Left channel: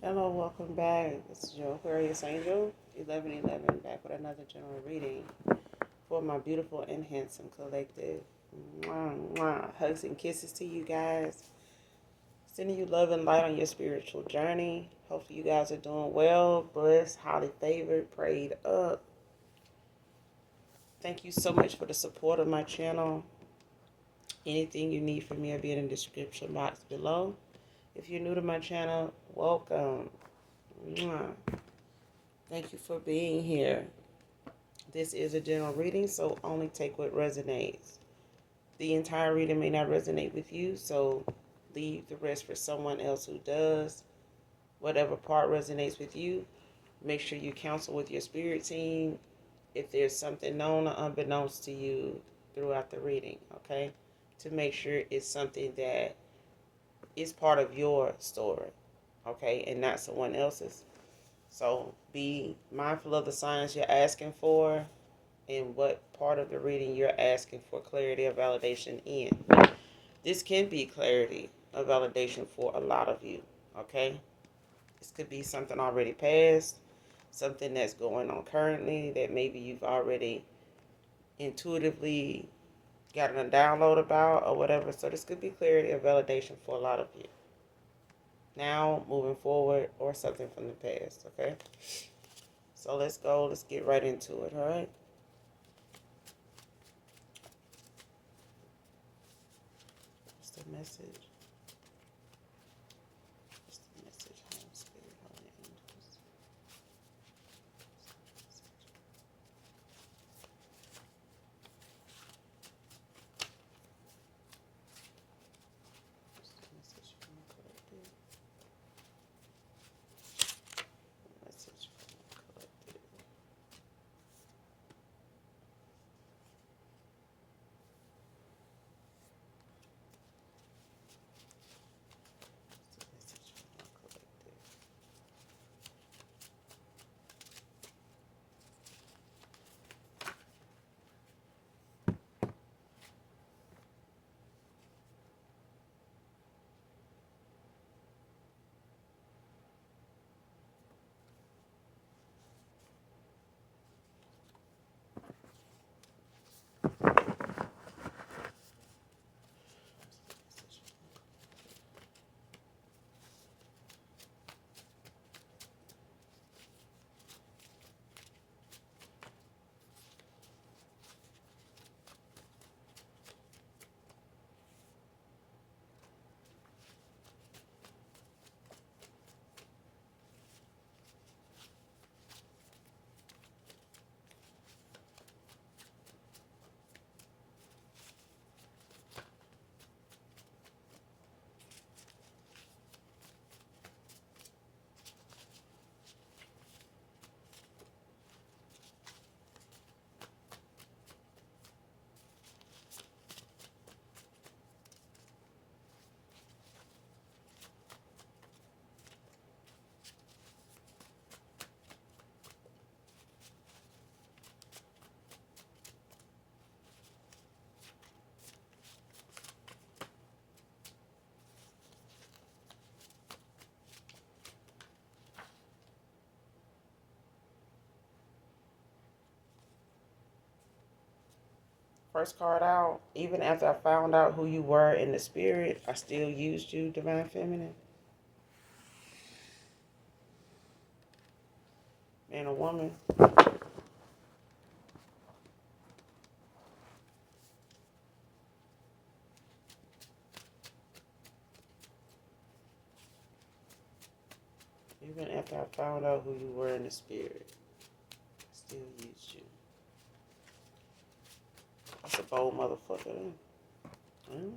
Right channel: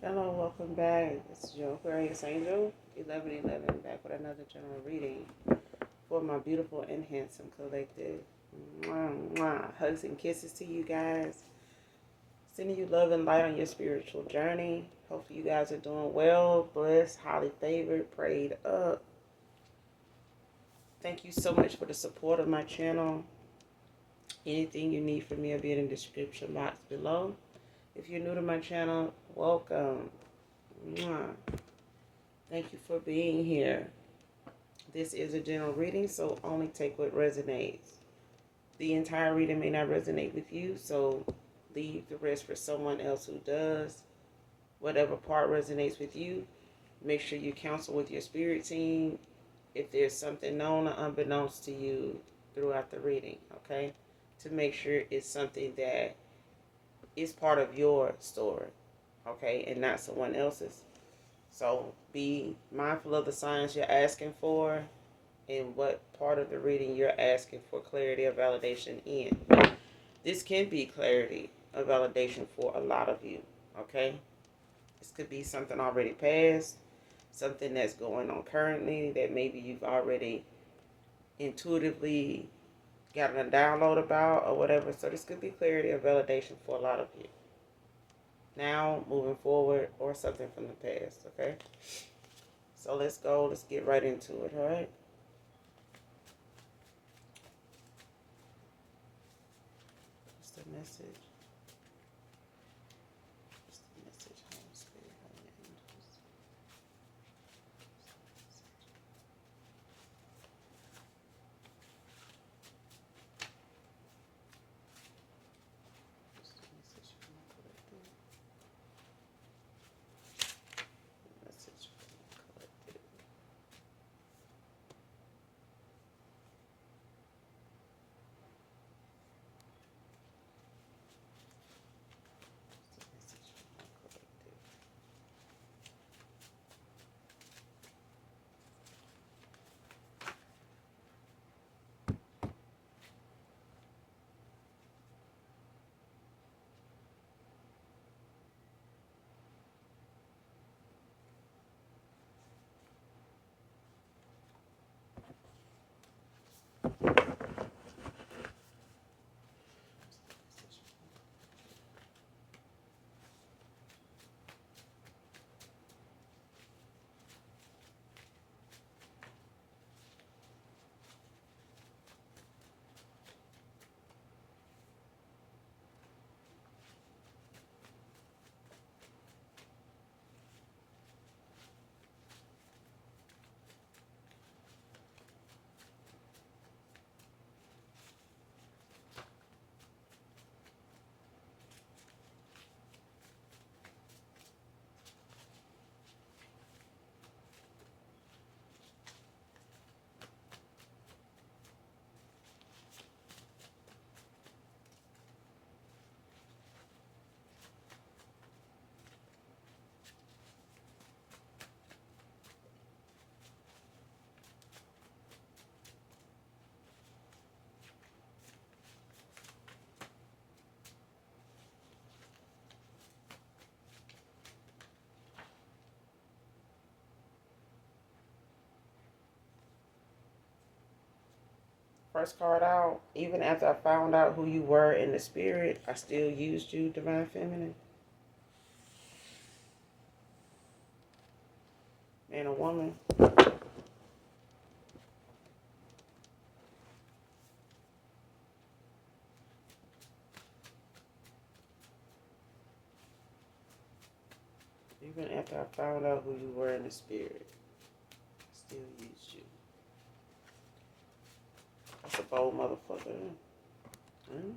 Hello, welcome back. This is your Aquarius Angel, 1111, back with another general reading for my beautiful and handsome collective. Mwah, mwah. Hugs and kisses to you guys. Sending you love and light on your spiritual journey. Hopefully you guys are doing well, blessed, highly favored, prayed up. Thank you so much for the support of my channel. Anything you need from me will be in the description box below. If you're new to my channel, welcome. Mwah. Thank you for being here. This is a general reading, so only take what resonates. The entire reading may not resonate with you, so leave the rest for someone else who does. Whatever part resonates with you, make sure you counsel with your spirit team if there's something known or unbeknownst to you throughout the reading, okay? To make sure it's something that is part of your story, okay, and not someone else's. So be mindful of the signs you're asking for and what part of the reading you're asking for clarity or validation in. This can be clarity or validation for a lot of you, okay? This could be something already passed, something that's going on currently that maybe you've already intuitively gotten a download about or whatever. So this could be clarity or validation for a lot of you. Now, moving forward, or something from the past, okay? So let's go. Let's get right into it, all right? What's the message? What's the message? Home Spirit, Holy Angels. What's the message from the collective? Message from the collective. What's the message from the collective? First card out, even after I found out who you were in the spirit, I still used you, Divine Feminine. Man or woman. Even after I found out who you were in the spirit, I still used you. That's a bold motherfucker. Hmm?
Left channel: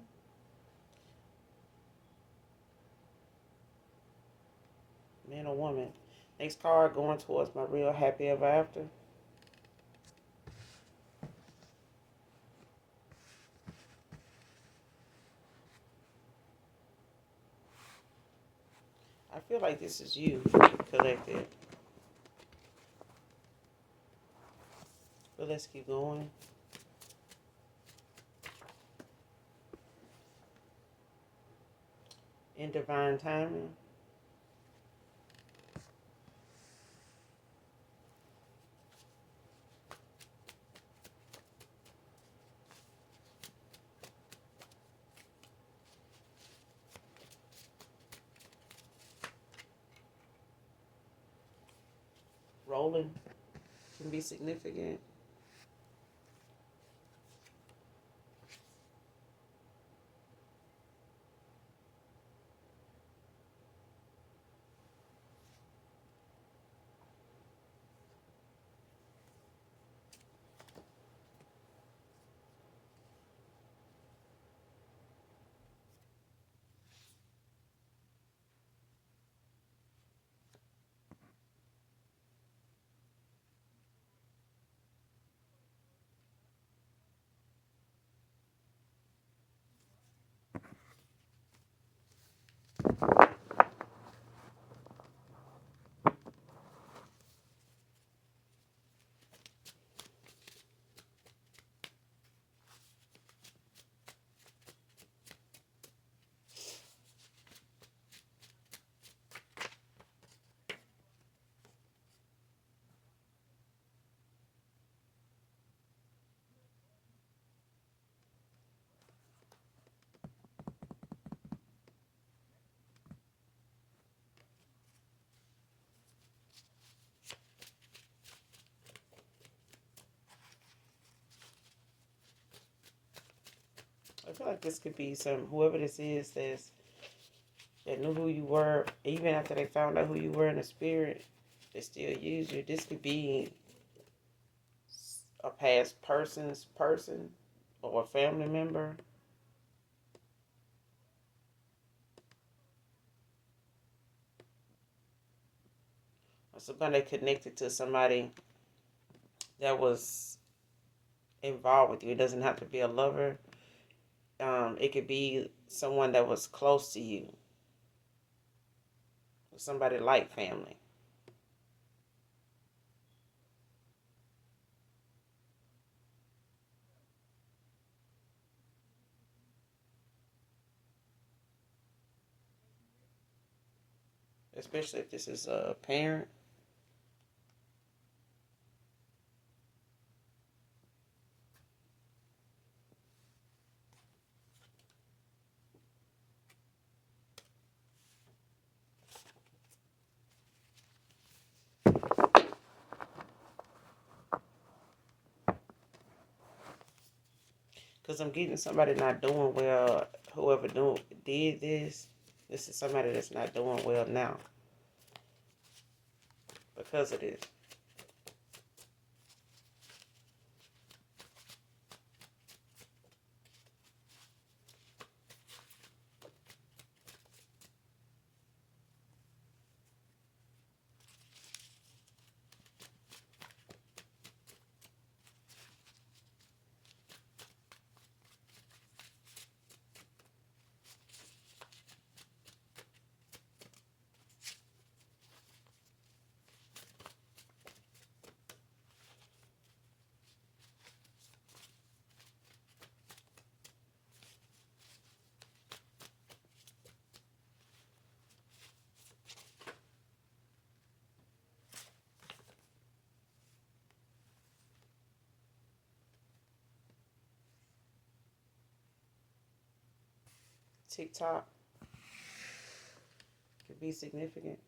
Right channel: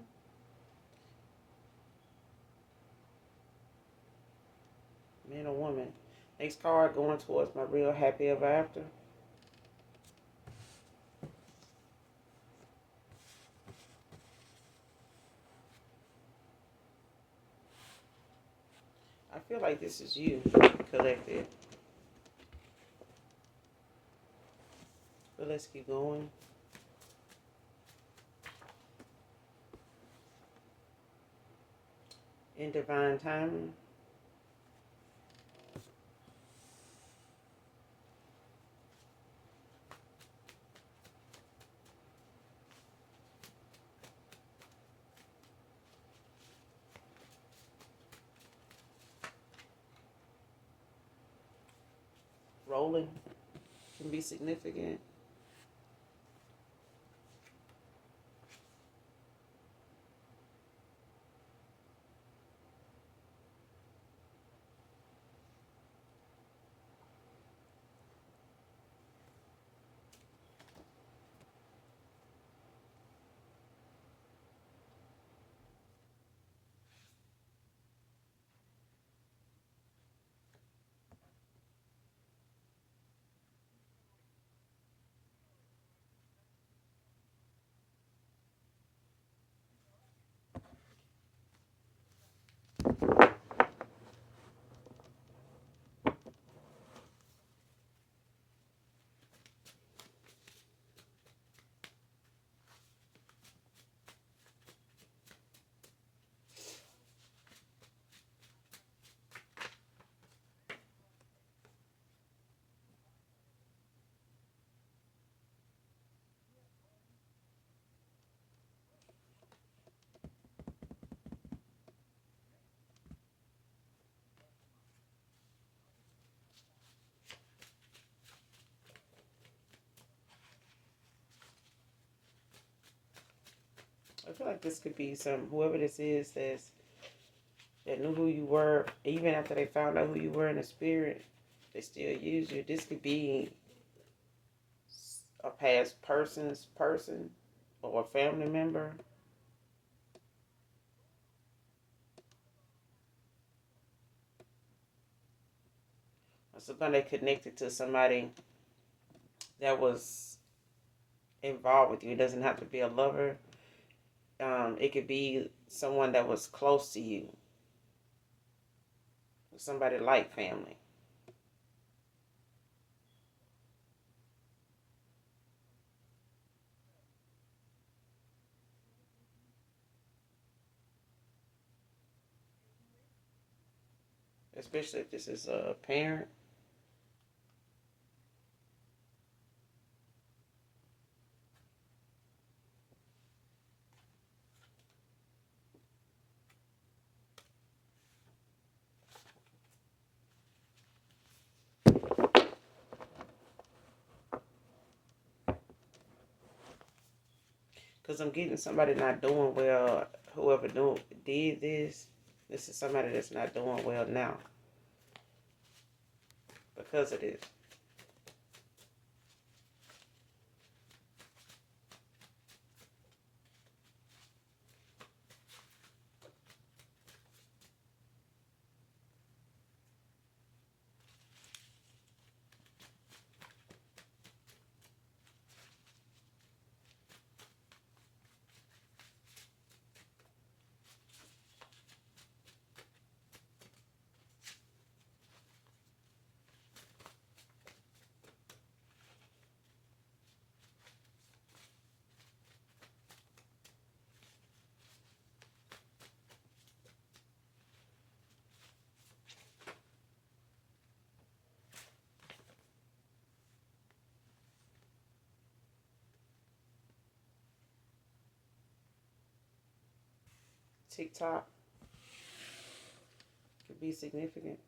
Man or woman. Next card, going towards my real happy ever after. I feel like this is you, collected. But let's keep going. In divine timing. rolling can be significant. I feel like this could be whoever this is that knew who you were, even after they found out who you were in the spirit, they still use you. This could be a past person's person or a family member or somebody connected to somebody that was involved with you. It doesn't have to be a lover. It could be someone that was close to you, somebody like family. Especially if this is a parent. Because I'm getting somebody not doing well. Whoever did this is somebody that's not doing well now because of this. TikTok could be significant.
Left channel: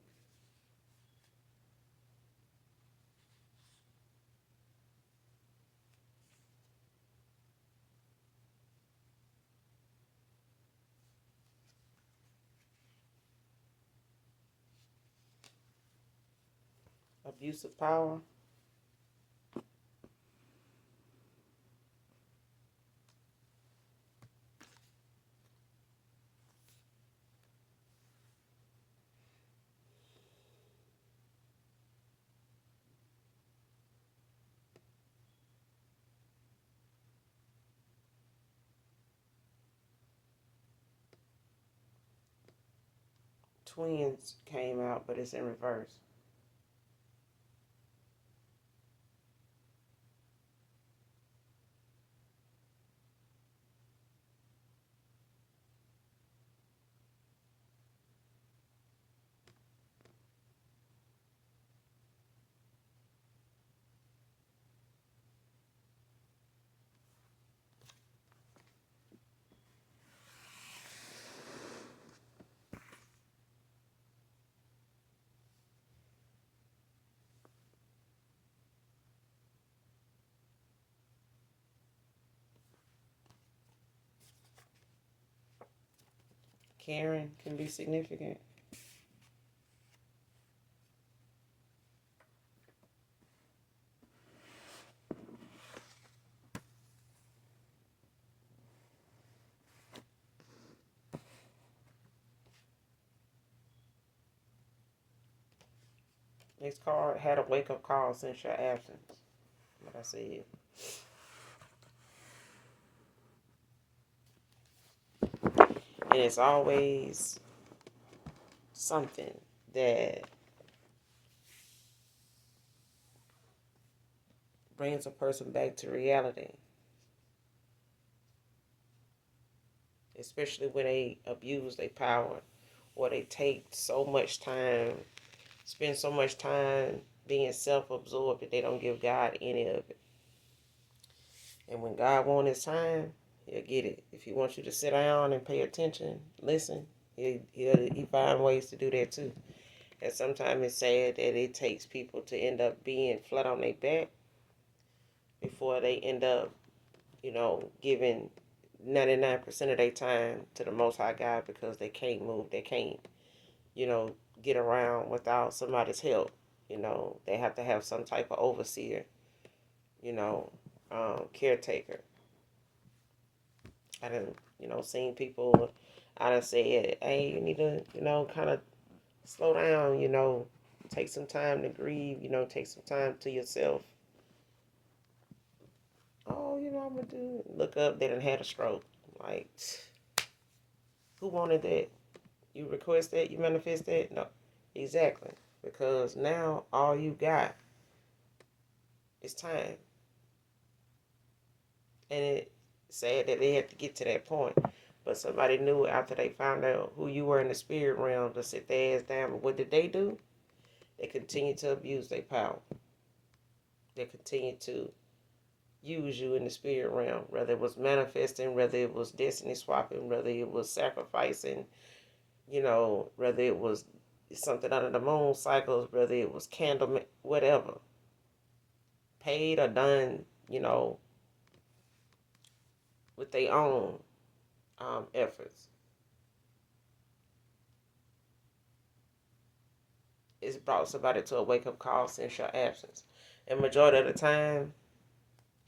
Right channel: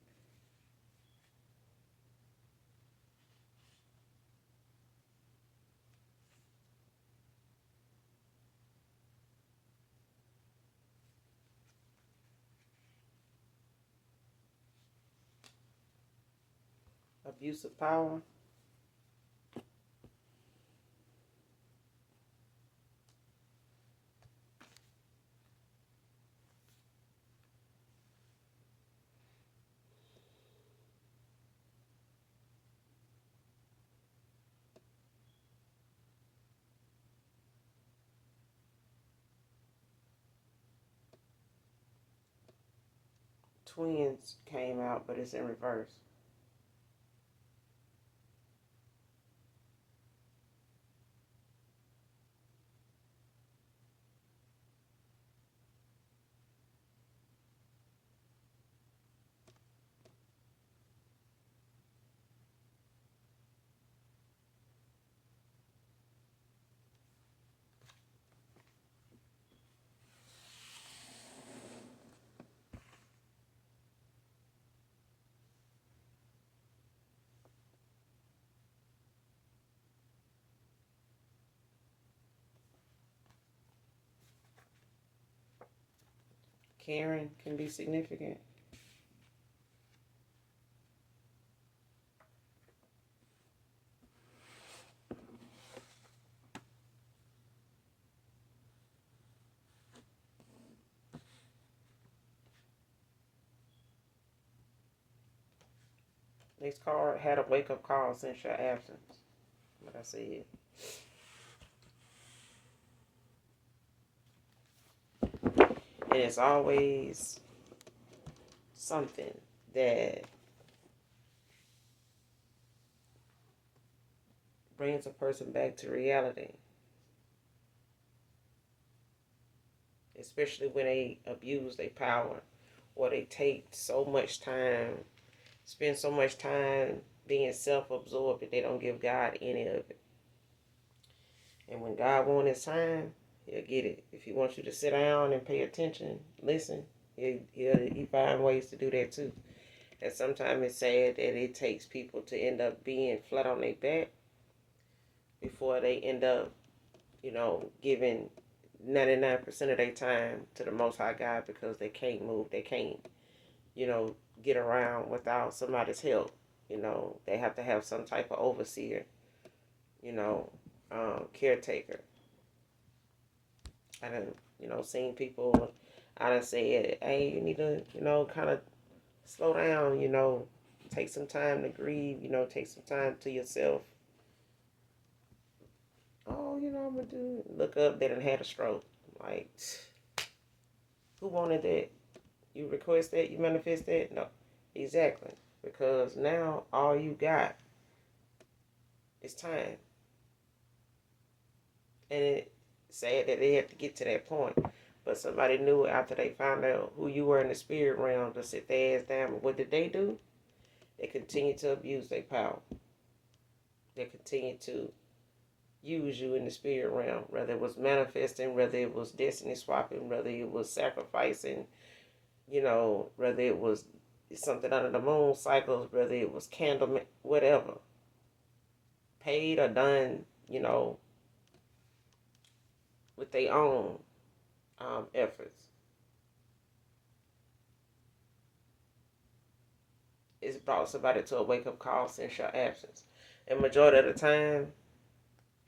Abuse of power. Twins came out, but it's in reverse. Caring can be significant. This card had a wake-up call since your absence. What I said. And it's always something that brings a person back to reality. Especially when they abuse their power or they take so much time, spend so much time being self-absorbed that they don't give God any of it. And when God wants his time, he'll get it. If he wants you to sit down and pay attention, listen, he find ways to do that too. And sometimes it's sad that it takes people to end up being flat on their back before they end up, giving 99% of their time to the Most High God because they can't move. They can't, get around without somebody's help. They have to have some type of overseer, caretaker. I done, seen people, I done said, hey, you need to, kind of slow down, take some time to grieve, take some time to yourself. Oh, I'm going to look up, they done had a stroke. Like, who wanted that? You request that? You manifest that? No. Exactly. Because now all you got is time. And it's sad that they had to get to that point. But somebody knew after they found out who you were in the spirit realm to sit their ass down. But what did they do? They continued to abuse their power. They continued to use you in the spirit realm, whether it was manifesting, whether it was destiny swapping, whether it was sacrificing, whether it was something under the moon cycles, whether it was candle, whatever. Paid or done, with their own efforts. It's brought somebody to a wake-up call since your absence. And majority of the time,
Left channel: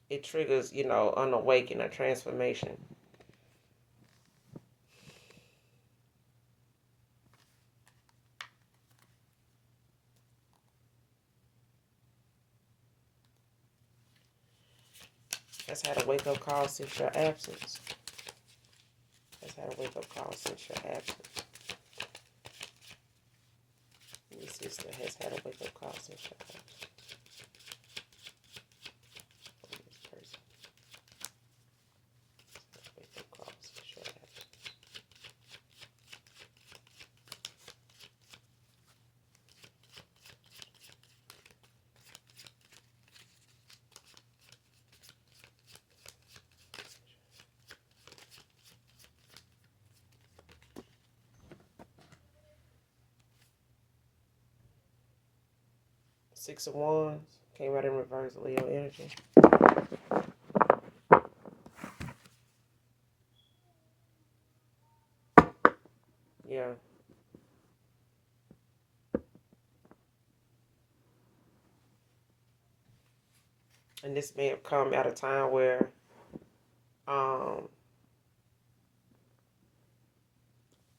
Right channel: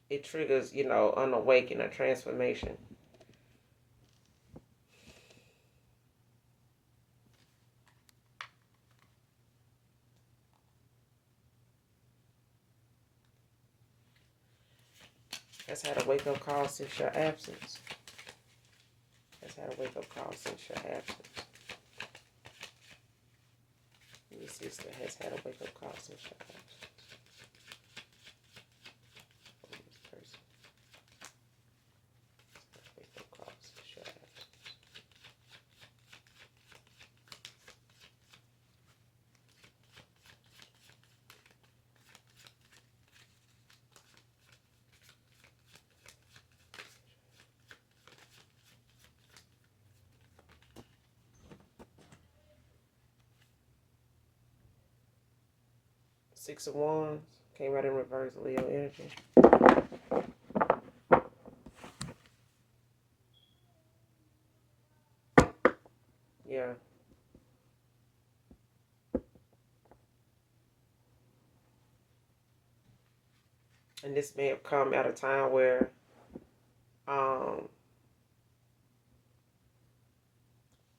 it triggers, an awakening, a transformation. That's had a wake-up call since your absence. That's had a wake-up call since your absence. Your sister has had a wake-up call since your absence. From this person. Wake-up call since your absence. 6 of Wands came out in reverse, Leo energy. Yeah. And this may have come at a time where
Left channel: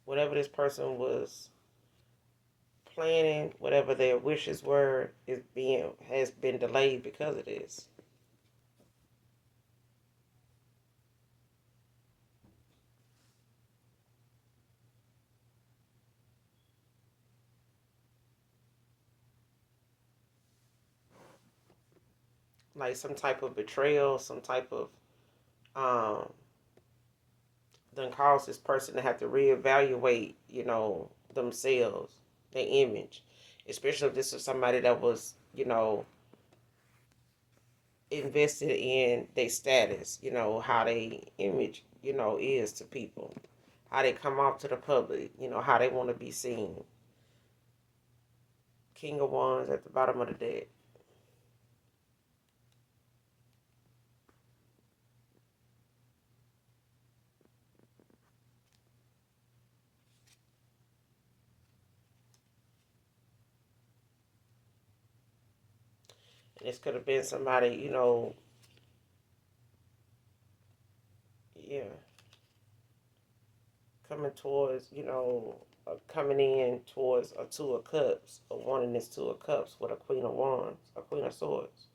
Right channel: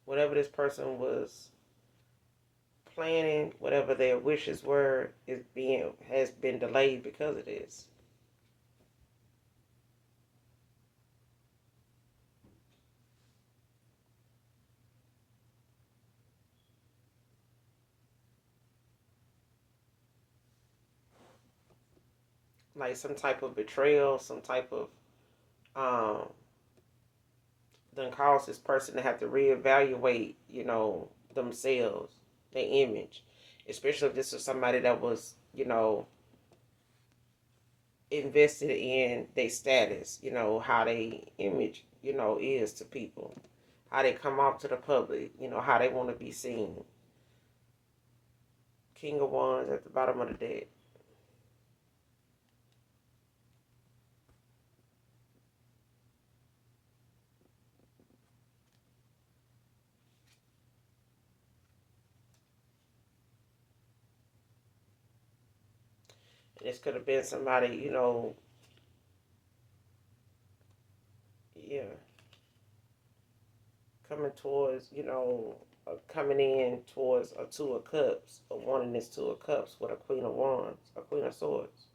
whatever this person was planning, whatever their wishes were, has been delayed because of this. Like some type of betrayal, some type of then cause this person to have to reevaluate, themselves, their image. Especially if this was somebody that was, invested in their status, how they image, is to people. How they come off to the public, how they want to be seen. King of Wands at the bottom of the deck. This could have been somebody, yeah, coming towards, coming in towards a Two of Cups, or wanting this Two of Cups with a Queen of Wands, a Queen of Swords.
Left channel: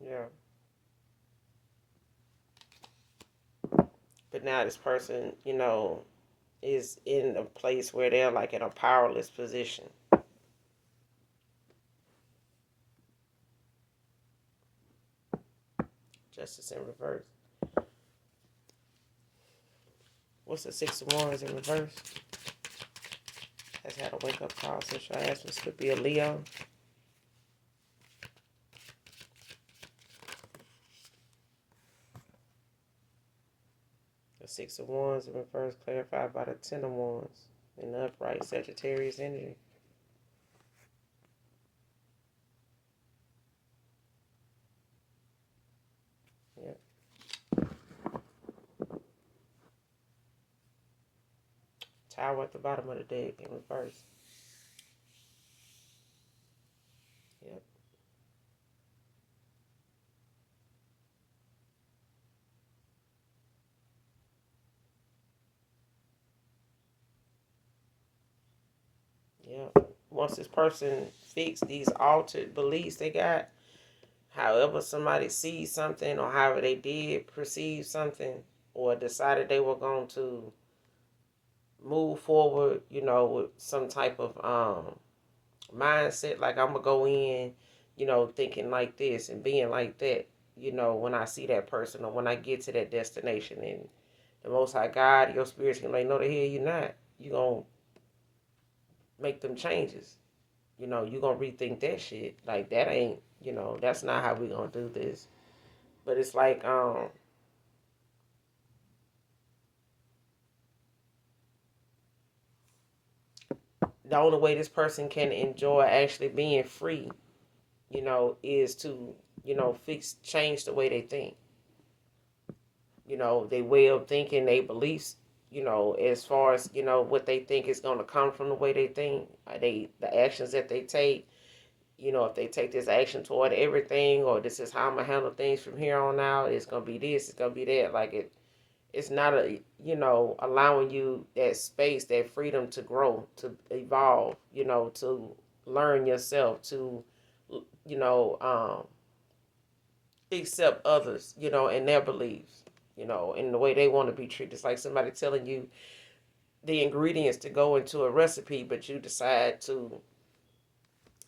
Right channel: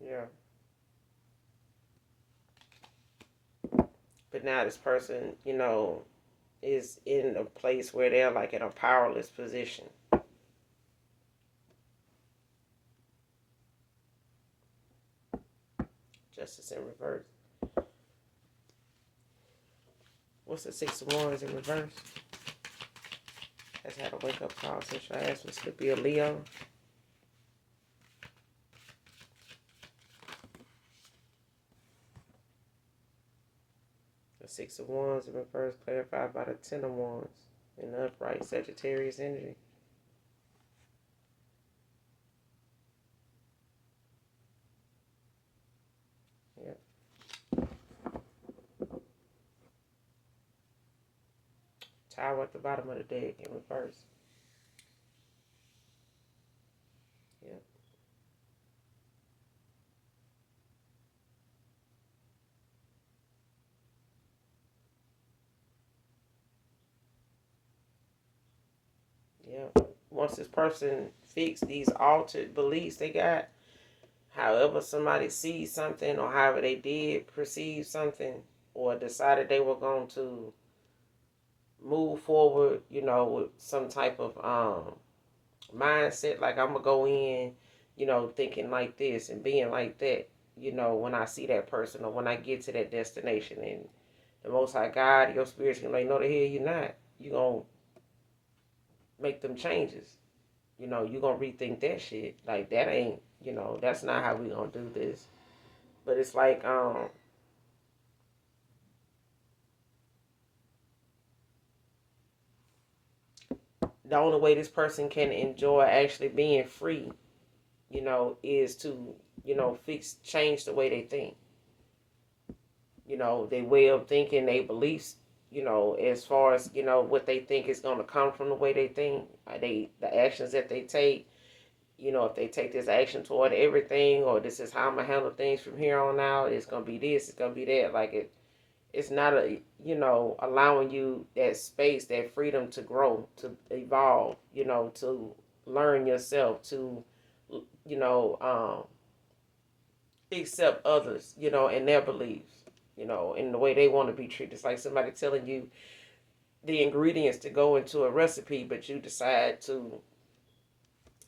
Yeah. But now this person, is in a place where they're like in a powerless position. Justice in reverse. What's the Six of Wands in reverse? Has had a wake up call since your ass was to be a Leo. The Six of Wands in reverse clarified by the Ten of Wands in the upright Sagittarius energy. Yep. Tower at the bottom of the deck in reverse. Yep. Yep. Once this person fix these altered beliefs they got, however somebody sees something or however they did perceive something or decided they were going to move forward, with some type of mindset, like I'm gonna go in, thinking like this and being like that, when I see that person or when I get to that destination, and the Most High God, your spirit's gonna like, no, the hell you're not. You gonna make them changes. You gonna rethink that shit. Like that ain't, that's not how we gonna do this. But it's like, the only way this person can enjoy actually being free, is to, change the way they think. Their way of thinking, their beliefs, as far as, what they think is going to come from the way they think, the actions that they take, if they take this action toward everything, or this is how I'm going to handle things from here on out, it's going to be this, it's going to be that. Like it's not allowing you that space, that freedom to grow, to evolve, to learn yourself, to, you know, accept others, and their beliefs, in the way they want to be treated. It's like somebody telling you the ingredients to go into a recipe, but you decide to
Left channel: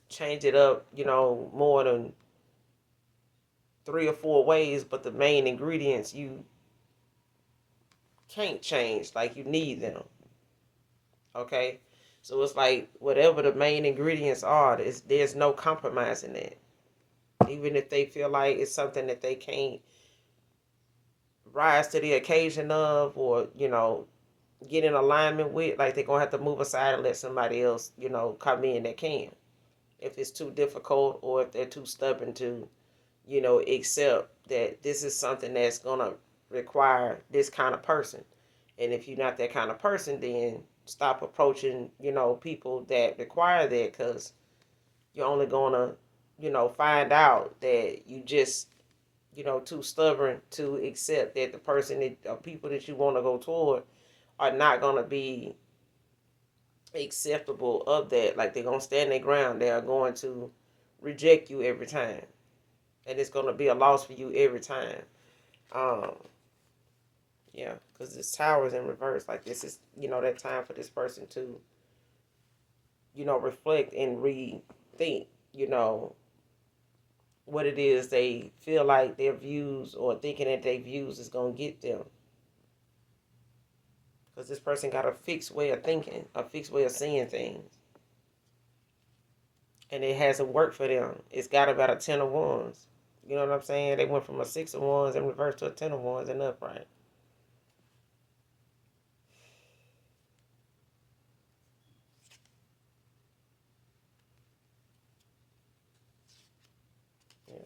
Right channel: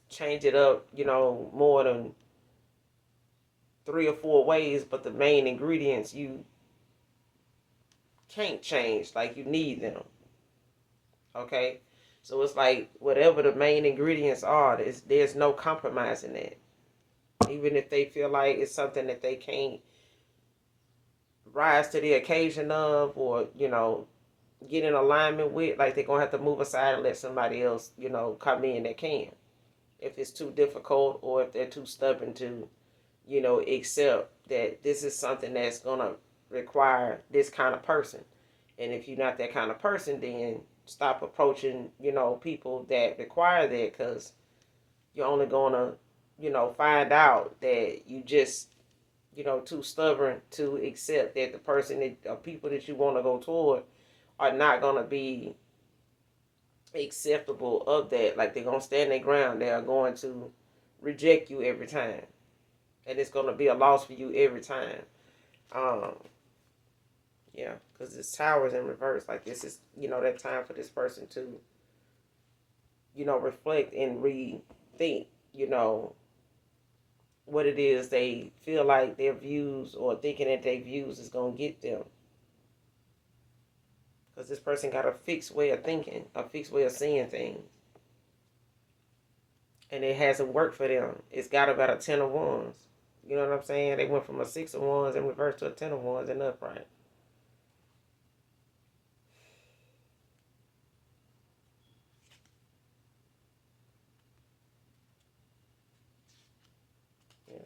change it up, more than 3 or 4 ways, but the main ingredients you can't change, like you need them. Okay? So it's like whatever the main ingredients are, there's no compromise in that. Even if they feel like it's something that they can't rise to the occasion of, or get in alignment with, like they're gonna have to move aside and let somebody else come in that can, if it's too difficult or if they're too stubborn to accept that this is something that's gonna require this kind of person. And if you're not that kind of person, then stop approaching people that require that, because you're only gonna find out that you just too stubborn to accept that the person that people that you want to go toward are not going to be acceptable of that. Like they're going to stand their ground. They are going to reject you every time. And it's going to be a loss for you every time. Um, yeah, because this tower is in reverse. Like this is, that time for this person to, reflect and rethink, what it is they feel like their views, or thinking that their views is going to get them. Because this person got a fixed way of thinking, a fixed way of seeing things. And it hasn't worked for them. It's got about a 10 of wands. You know what I'm saying? They went from a 6 of wands in reverse to a 10 of wands in upright. Yeah.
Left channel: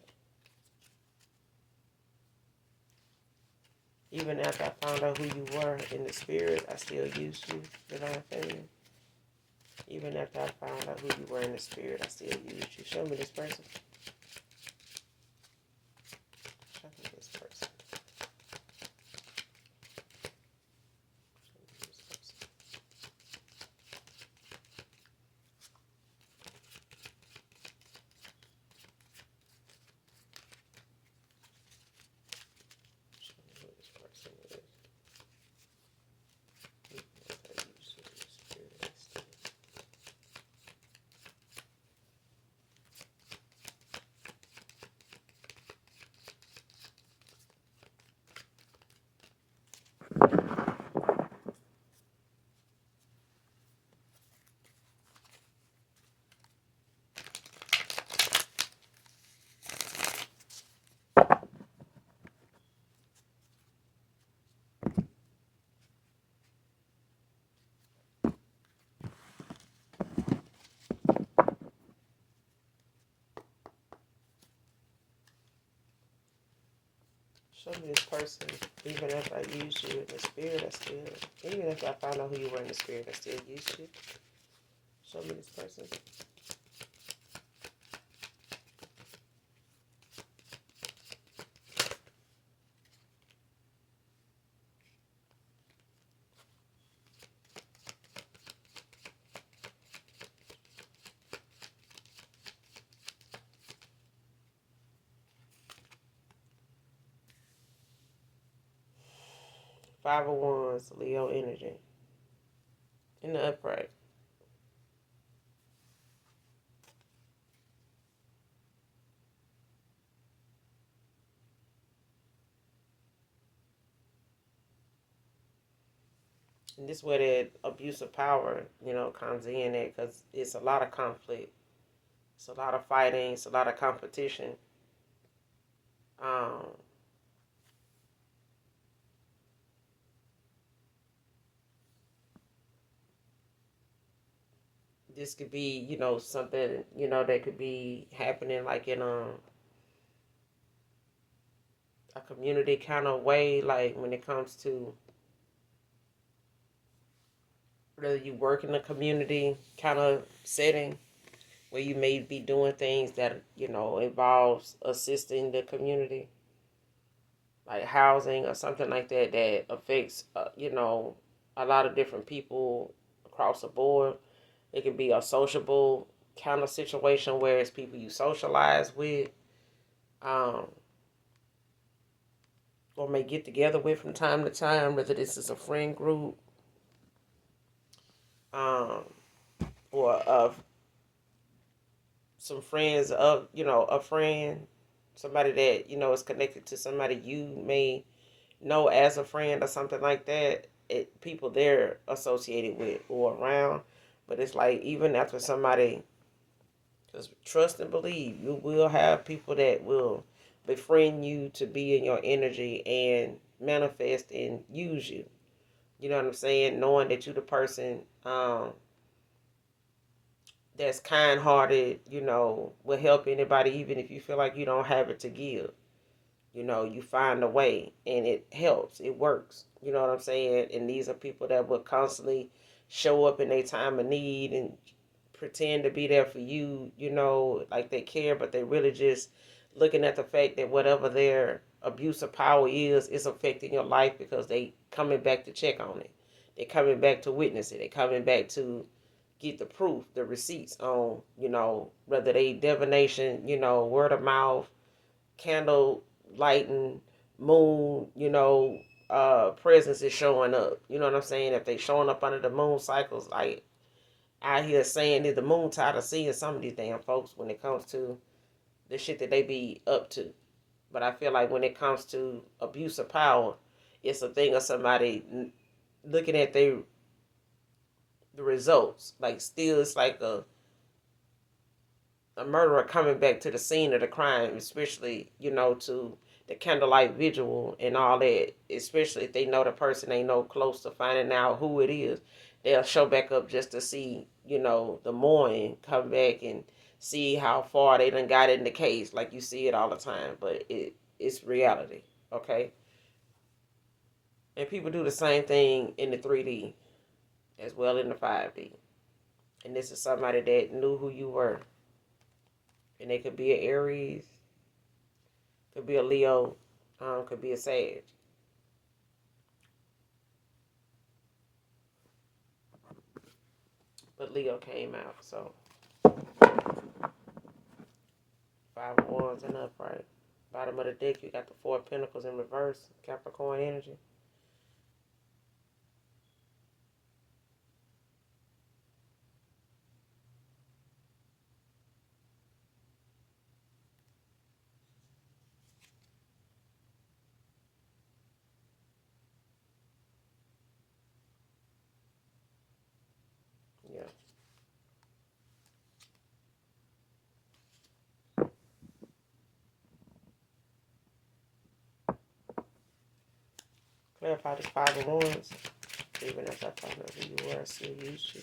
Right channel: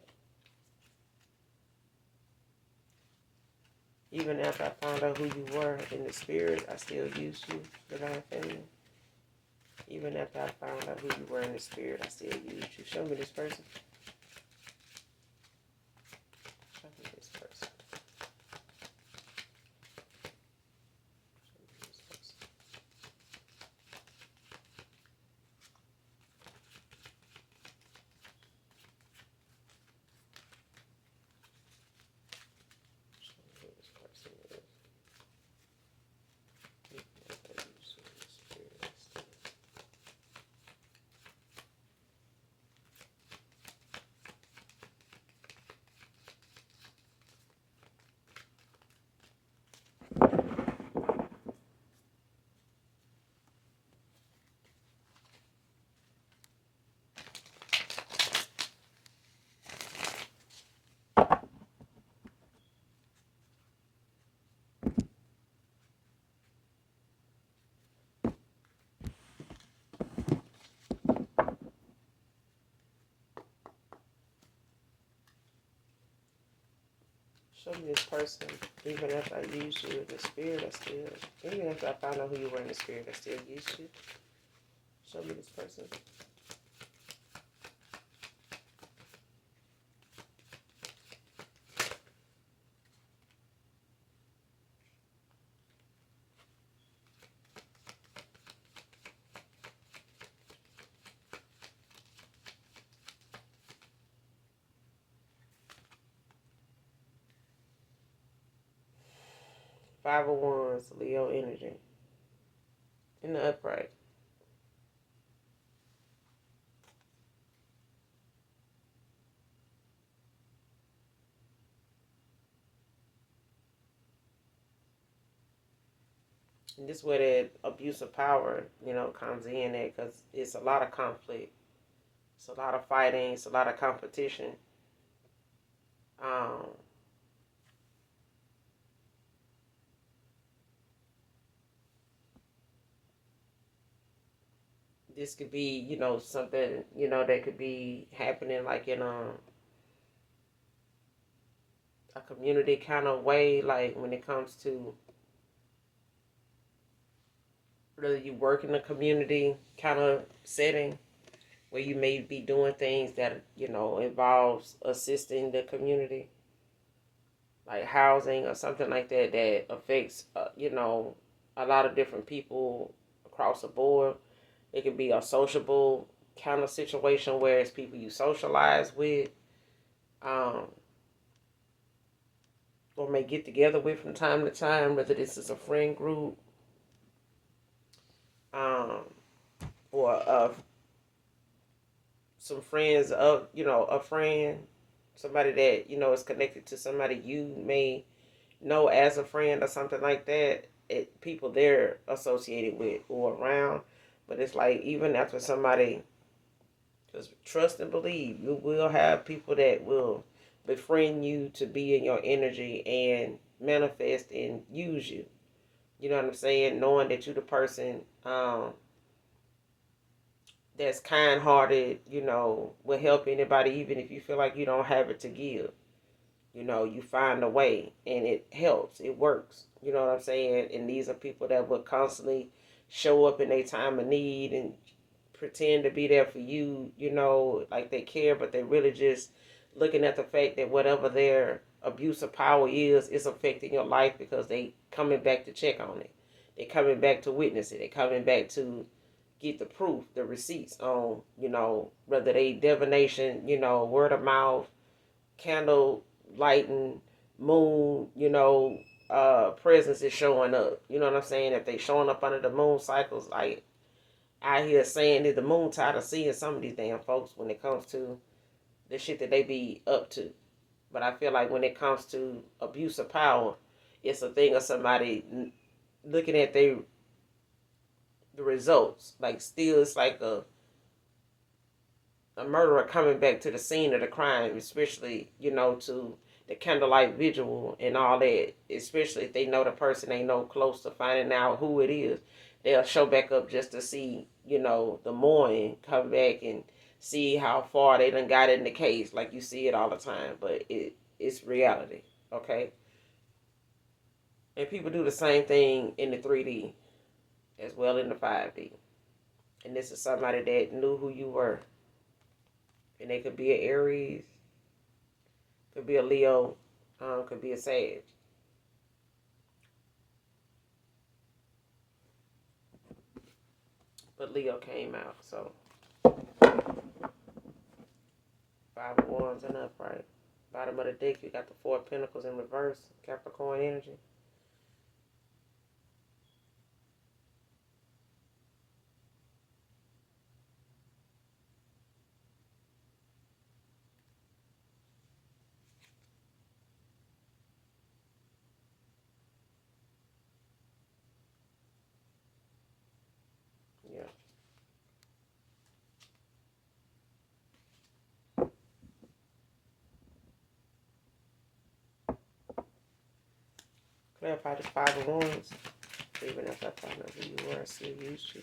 Even after I found out who you were in the spirit, I still used you, divine feminine. Even after I found out who you were in the spirit, I still used you. Show me this person. Show me this person. Show me this person. Show me who this person is. Even after I used you in the spirit, I still. Show me this person. Even after I used you in the spirit, I still. Even after I found out who you were in the spirit, I still used you. Show me this person. 5 of Wands, Leo energy. In the upright. And this is where that abuse of power, comes in at, because it's a lot of conflict. It's a lot of fighting. It's a lot of competition. Um, this could be, something, that could be happening like in a community kind of way, like when it comes to whether you work in a community kind of setting where you may be doing things that, involves assisting the community, like housing or something like that, that affects, a lot of different people across the board. It could be a sociable kind of situation where it's people you socialize with, um, or may get together with from time to time, whether this is a friend group, um, or some friends of, a friend, somebody that, is connected to somebody you may know as a friend or something like that. People they're associated with or around. But it's like, even after somebody, just trust and believe, you will have people that will befriend you to be in your energy and manifest and use you. You know what I'm saying? Knowing that you're the person, that's kind hearted, will help anybody, even if you feel like you don't have it to give. You find a way and it helps, it works. You know what I'm saying? And these are people that will constantly show up in their time of need and pretend to be there for you, like they care, but they really just looking at the fact that whatever their abuse of power is affecting your life, because they coming back to check on it. They're coming back to witness it. They're coming back to get the proof, the receipts on, whether they divination, word of mouth, candle lighting, moon, presence is showing up. You know what I'm saying? If they showing up under the moon cycles, like out here saying that the moon tired of seeing some of these damn folks when it comes to the shit that they be up to. But I feel like when it comes to abuse of power, it's a thing of somebody looking at the results. Like, still, it's like a murderer coming back to the scene of the crime, especially, to the candlelight vigil and all that, especially if they know the person ain't no close to finding out who it is. They'll show back up just to see, the morning, come back and see how far they done got in the case. Like, you see it all the time, but it's reality, okay? And people do the same thing in the 3D as well in the 5D. And this is somebody that knew who you were. And they could be an Aries, could be a Leo, could be a Sag. But Leo came out, so 5 of Wands and upright. Bottom of the deck, you got the 4 of Pentacles in reverse, Capricorn energy. Yeah. Clarify this 5 of Wands. Even if I don't know who you were, I still used you.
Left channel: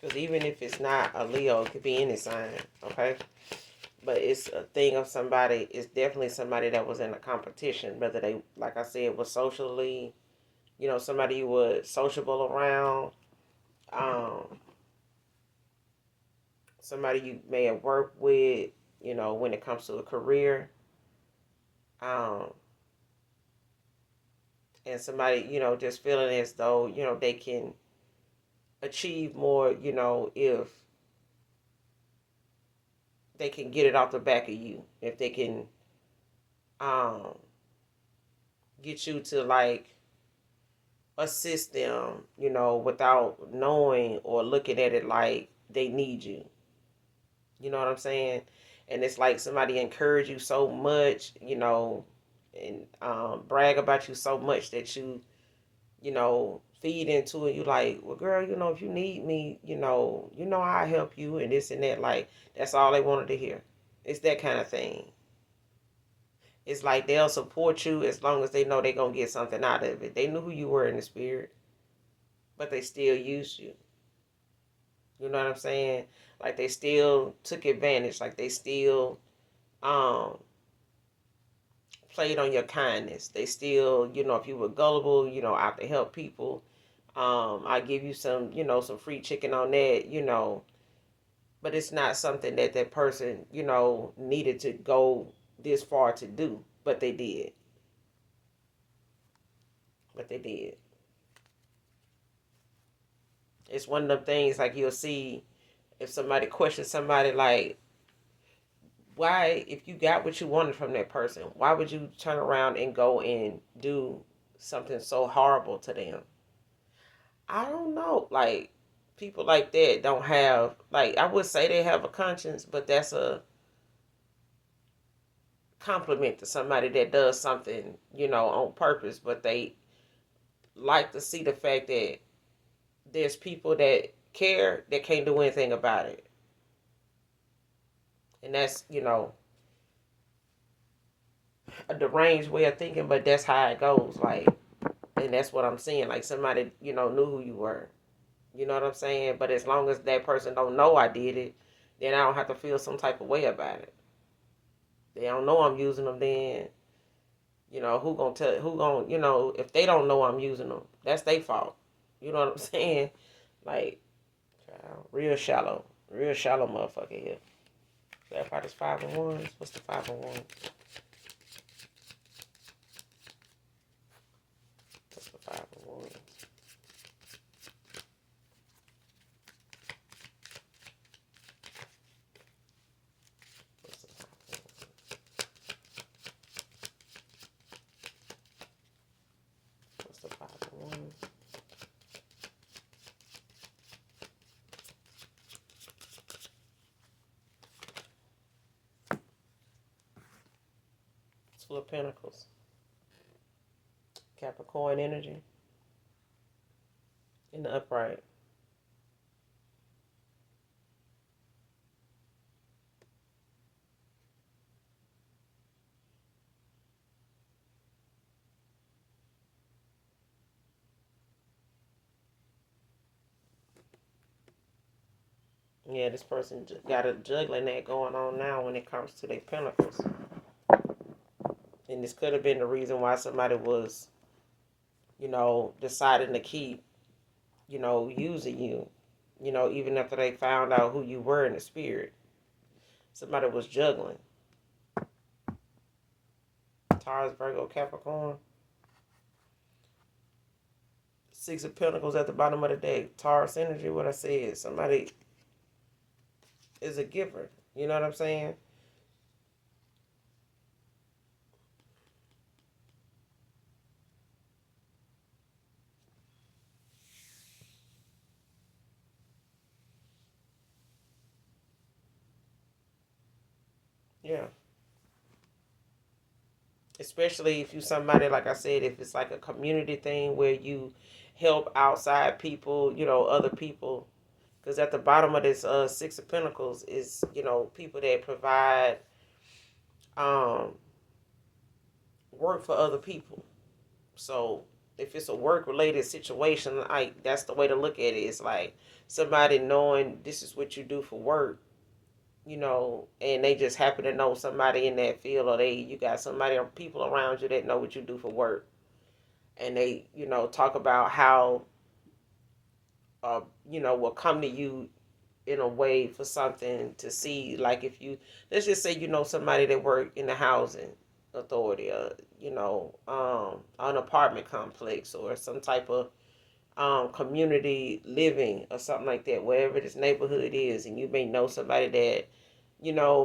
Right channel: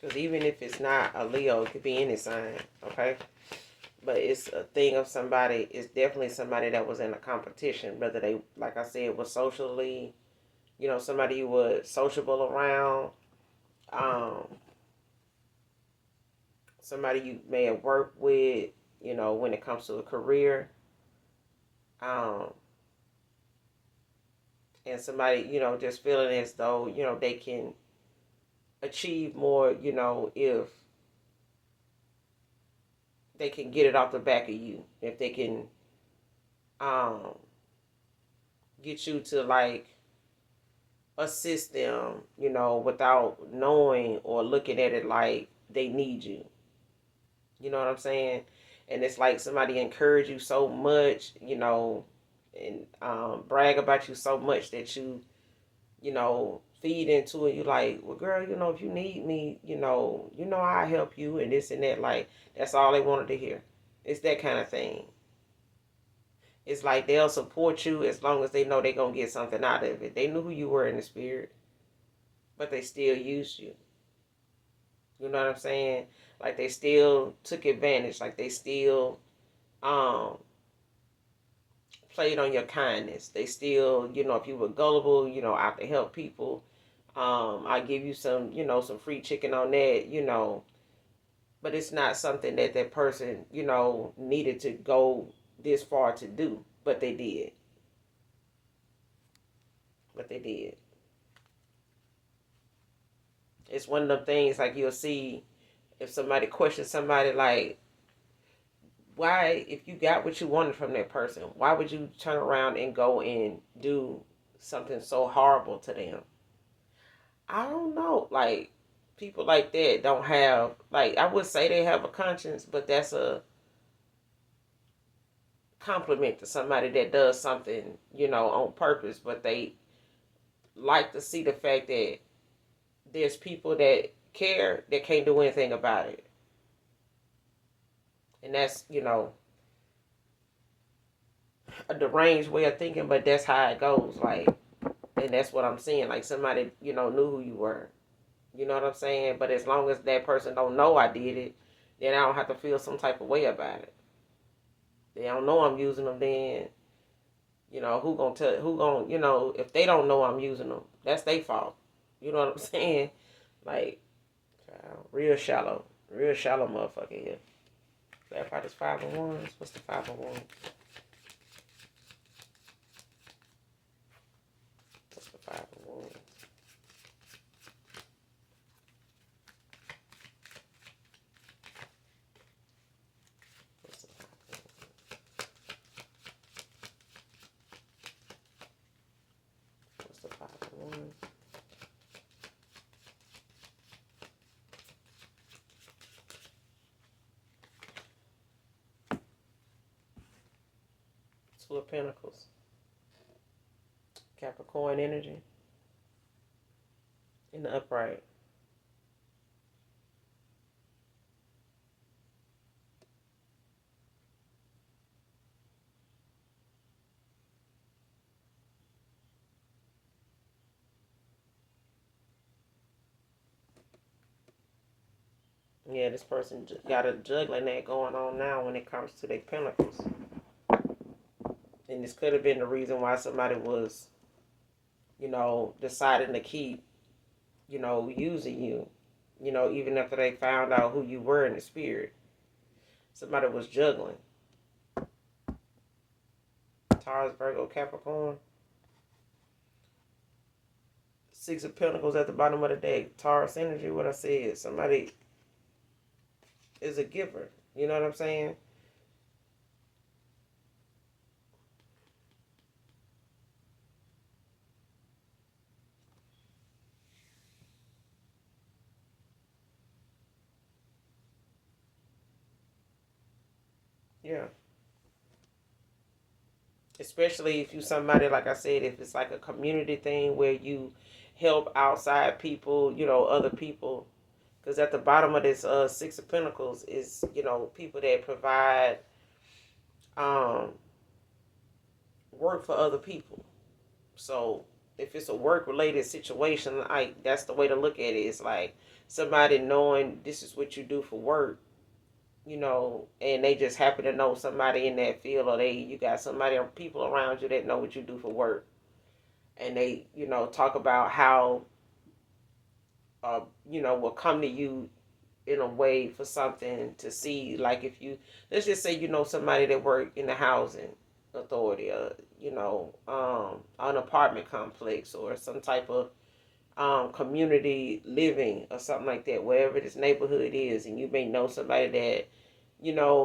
Because even if it's not a Leo, it could be any sign, okay? But it's a thing of somebody, it's definitely somebody that was in a competition, whether they, like I said, was socially, somebody you were sociable around, um, somebody you may have worked with, when it comes to a career, um, and somebody, just feeling as though, they can achieve more, if they can get it off the back of you, if they can um, get you to like assist them, without knowing or looking at it like they need you. You know what I'm saying? And it's like somebody encourage you so much, and brag about you so much that feed into it. You like, well, girl, if you need me, I help you and this and that. Like, that's all they wanted to hear. It's that kind of thing. It's like they'll support you as long as they know they're going to get something out of it. They knew who you were in the spirit, but they still used you. You know what I'm saying? Like they still took advantage. Like they still um, played on your kindness. They still, if you were gullible, out to help people. I give you some, some free chicken on that, but it's not something that that person, needed to go this far to do, but they did. But they did. It's one of them things like you'll see if somebody questions somebody like, why, if you got what you wanted from that person, why would you turn around and go and do something so horrible to them? I don't know. Like, people like that don't have, like, I would say they have a conscience, but that's a compliment to somebody that does something, on purpose, but they like to see the fact that there's people that care that can't do anything about it. And that's, a deranged way of thinking, but that's how it goes. Like, and that's what I'm saying. Like somebody, knew who you were. You know what I'm saying? But as long as that person don't know I did it, then I don't have to feel some type of way about it. They don't know I'm using them, then who gonna tell? Who gonna if they don't know I'm using them, that's their fault. You know what I'm saying? Like, real shallow motherfucker here. That part is 5 of Wands. What's the 5 of Wands? What's the 5 of Wands? What's the 5 of Wands? What's the 5 of Wands? Two of Pentacles. Capricorn energy in the upright. Yeah, this person got a juggling that going on now when it comes to their pentacles. And this could have been the reason why somebody was, deciding to keep, using you, even after they found out who you were in the spirit. Somebody was juggling. Taurus, Virgo, Capricorn. Six of Pentacles at the bottom of the deck. Taurus energy, what I said. Somebody is a giver. You know what I'm saying? Yeah. Especially if you somebody, like I said, if it's like a community thing where you help outside people, other people. Because at the bottom of this Six of Pentacles is, people that provide um, work for other people. So if it's a work related situation, like that's the way to look at it. It's like somebody knowing this is what you do for work, and they just happen to know somebody in that field, or you got somebody or people around you that know what you do for work, and they talk about how will come to you in a way for something to see, like if you, let's just say somebody that work in the housing authority, or an apartment complex, or some type of community living or something like that, wherever this neighborhood is, and you may know somebody that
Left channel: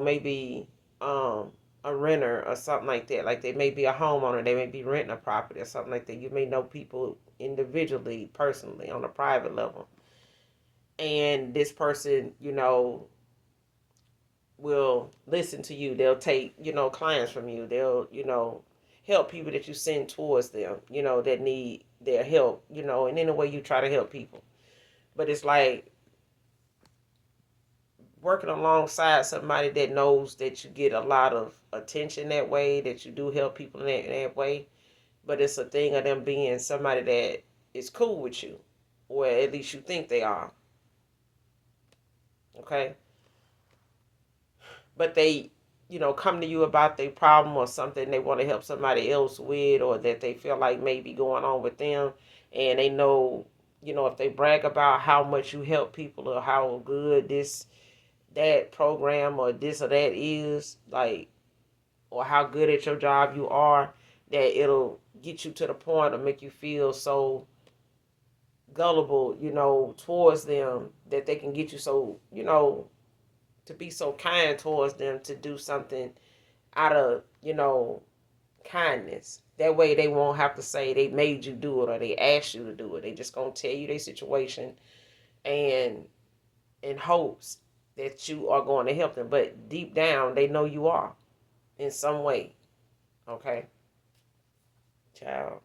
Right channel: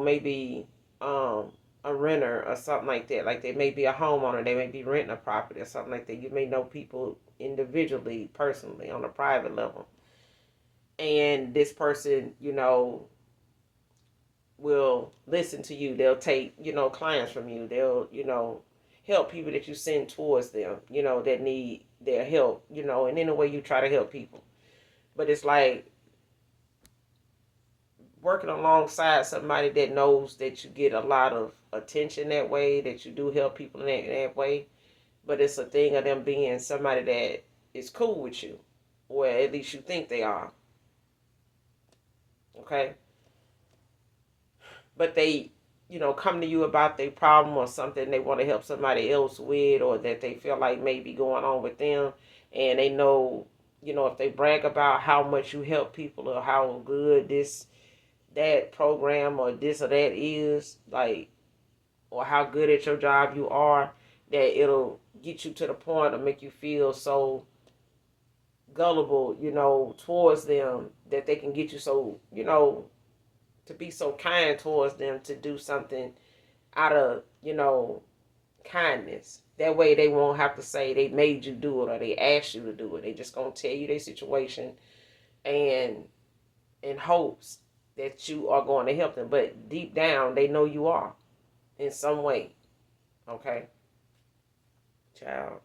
maybe a renter or something like that, like they may be a homeowner, they may be renting a property or something like that. You may know people individually, personally, on a private level, and this person will listen to you. They'll take clients from you. They'll help people that you send towards them, that need their help, and in a way you try to help people. But it's like working alongside somebody that knows that you get a lot of attention that way, that you do help people in that way. But it's a thing of them being somebody that is cool with you, or at least you think they are. Okay? But they, come to you about their problem or something they want to help somebody else with, or that they feel like may be going on with them. And they know, if they brag about how much you help people, or how good that program or this or that is, like, or how good at your job you are, that it'll get you to the point of make you feel so gullible, towards them, that they can get you so, to be so kind towards them, to do something out of, kindness. That way they won't have to say they made you do it or they asked you to do it. They just gonna tell you their situation, and in hopes that you are going to help them. But deep down they know you are in some way. Okay? Child.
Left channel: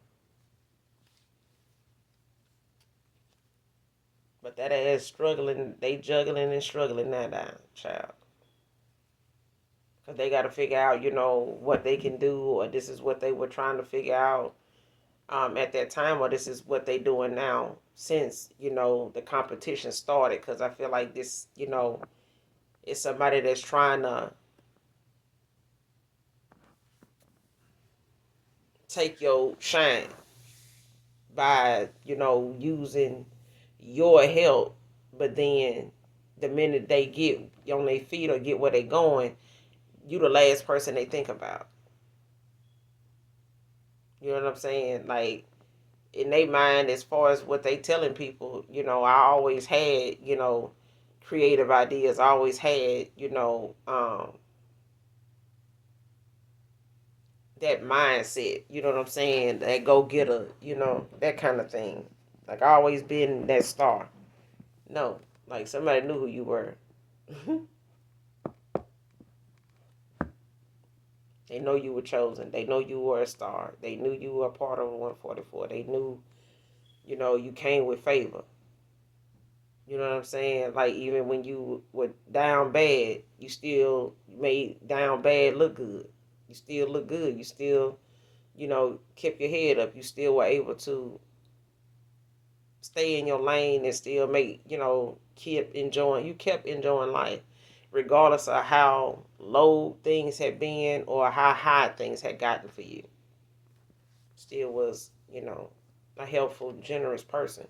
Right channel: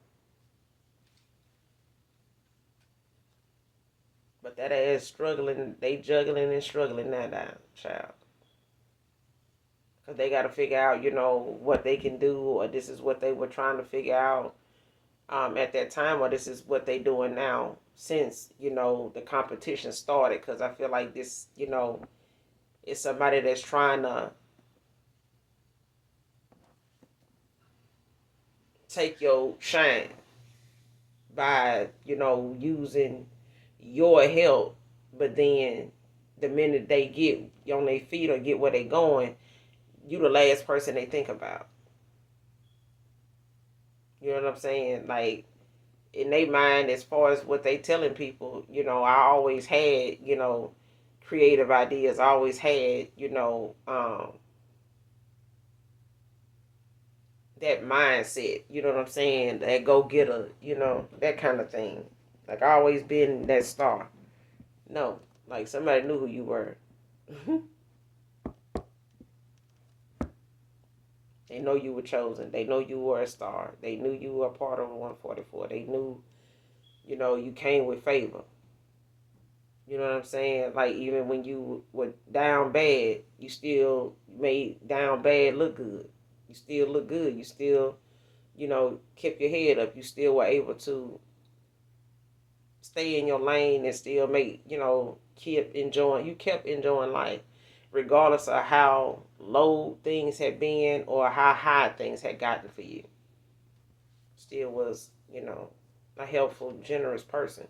But that ass struggling, they juggling and struggling now down, child. Because they got to figure out, what they can do, or this is what they were trying to figure out at that time, or this is what they doing now since, the competition started. Because I feel like this, is somebody that's trying to take your shine by, using your help. But then the minute they get on their feet or get where they going, you the last person they think about. You know what I'm saying? Like, in their mind, as far as what they telling people, I always had, creative ideas. I always had, that mindset. You know what I'm saying? That go getter, that kind of thing. Like, I always been that star. No, like somebody knew who you were. They know you were chosen. They know you were a star. They knew you were a part of 144. They knew, you came with favor. You know what I'm saying? Like, even when you were down bad, you still made down bad look good. You still look good. You still, kept your head up. You still were able to stay in your lane and still make, you kept enjoying life, regardless of how low things had been or how high things had gotten for you. Still was, a helpful, generous person.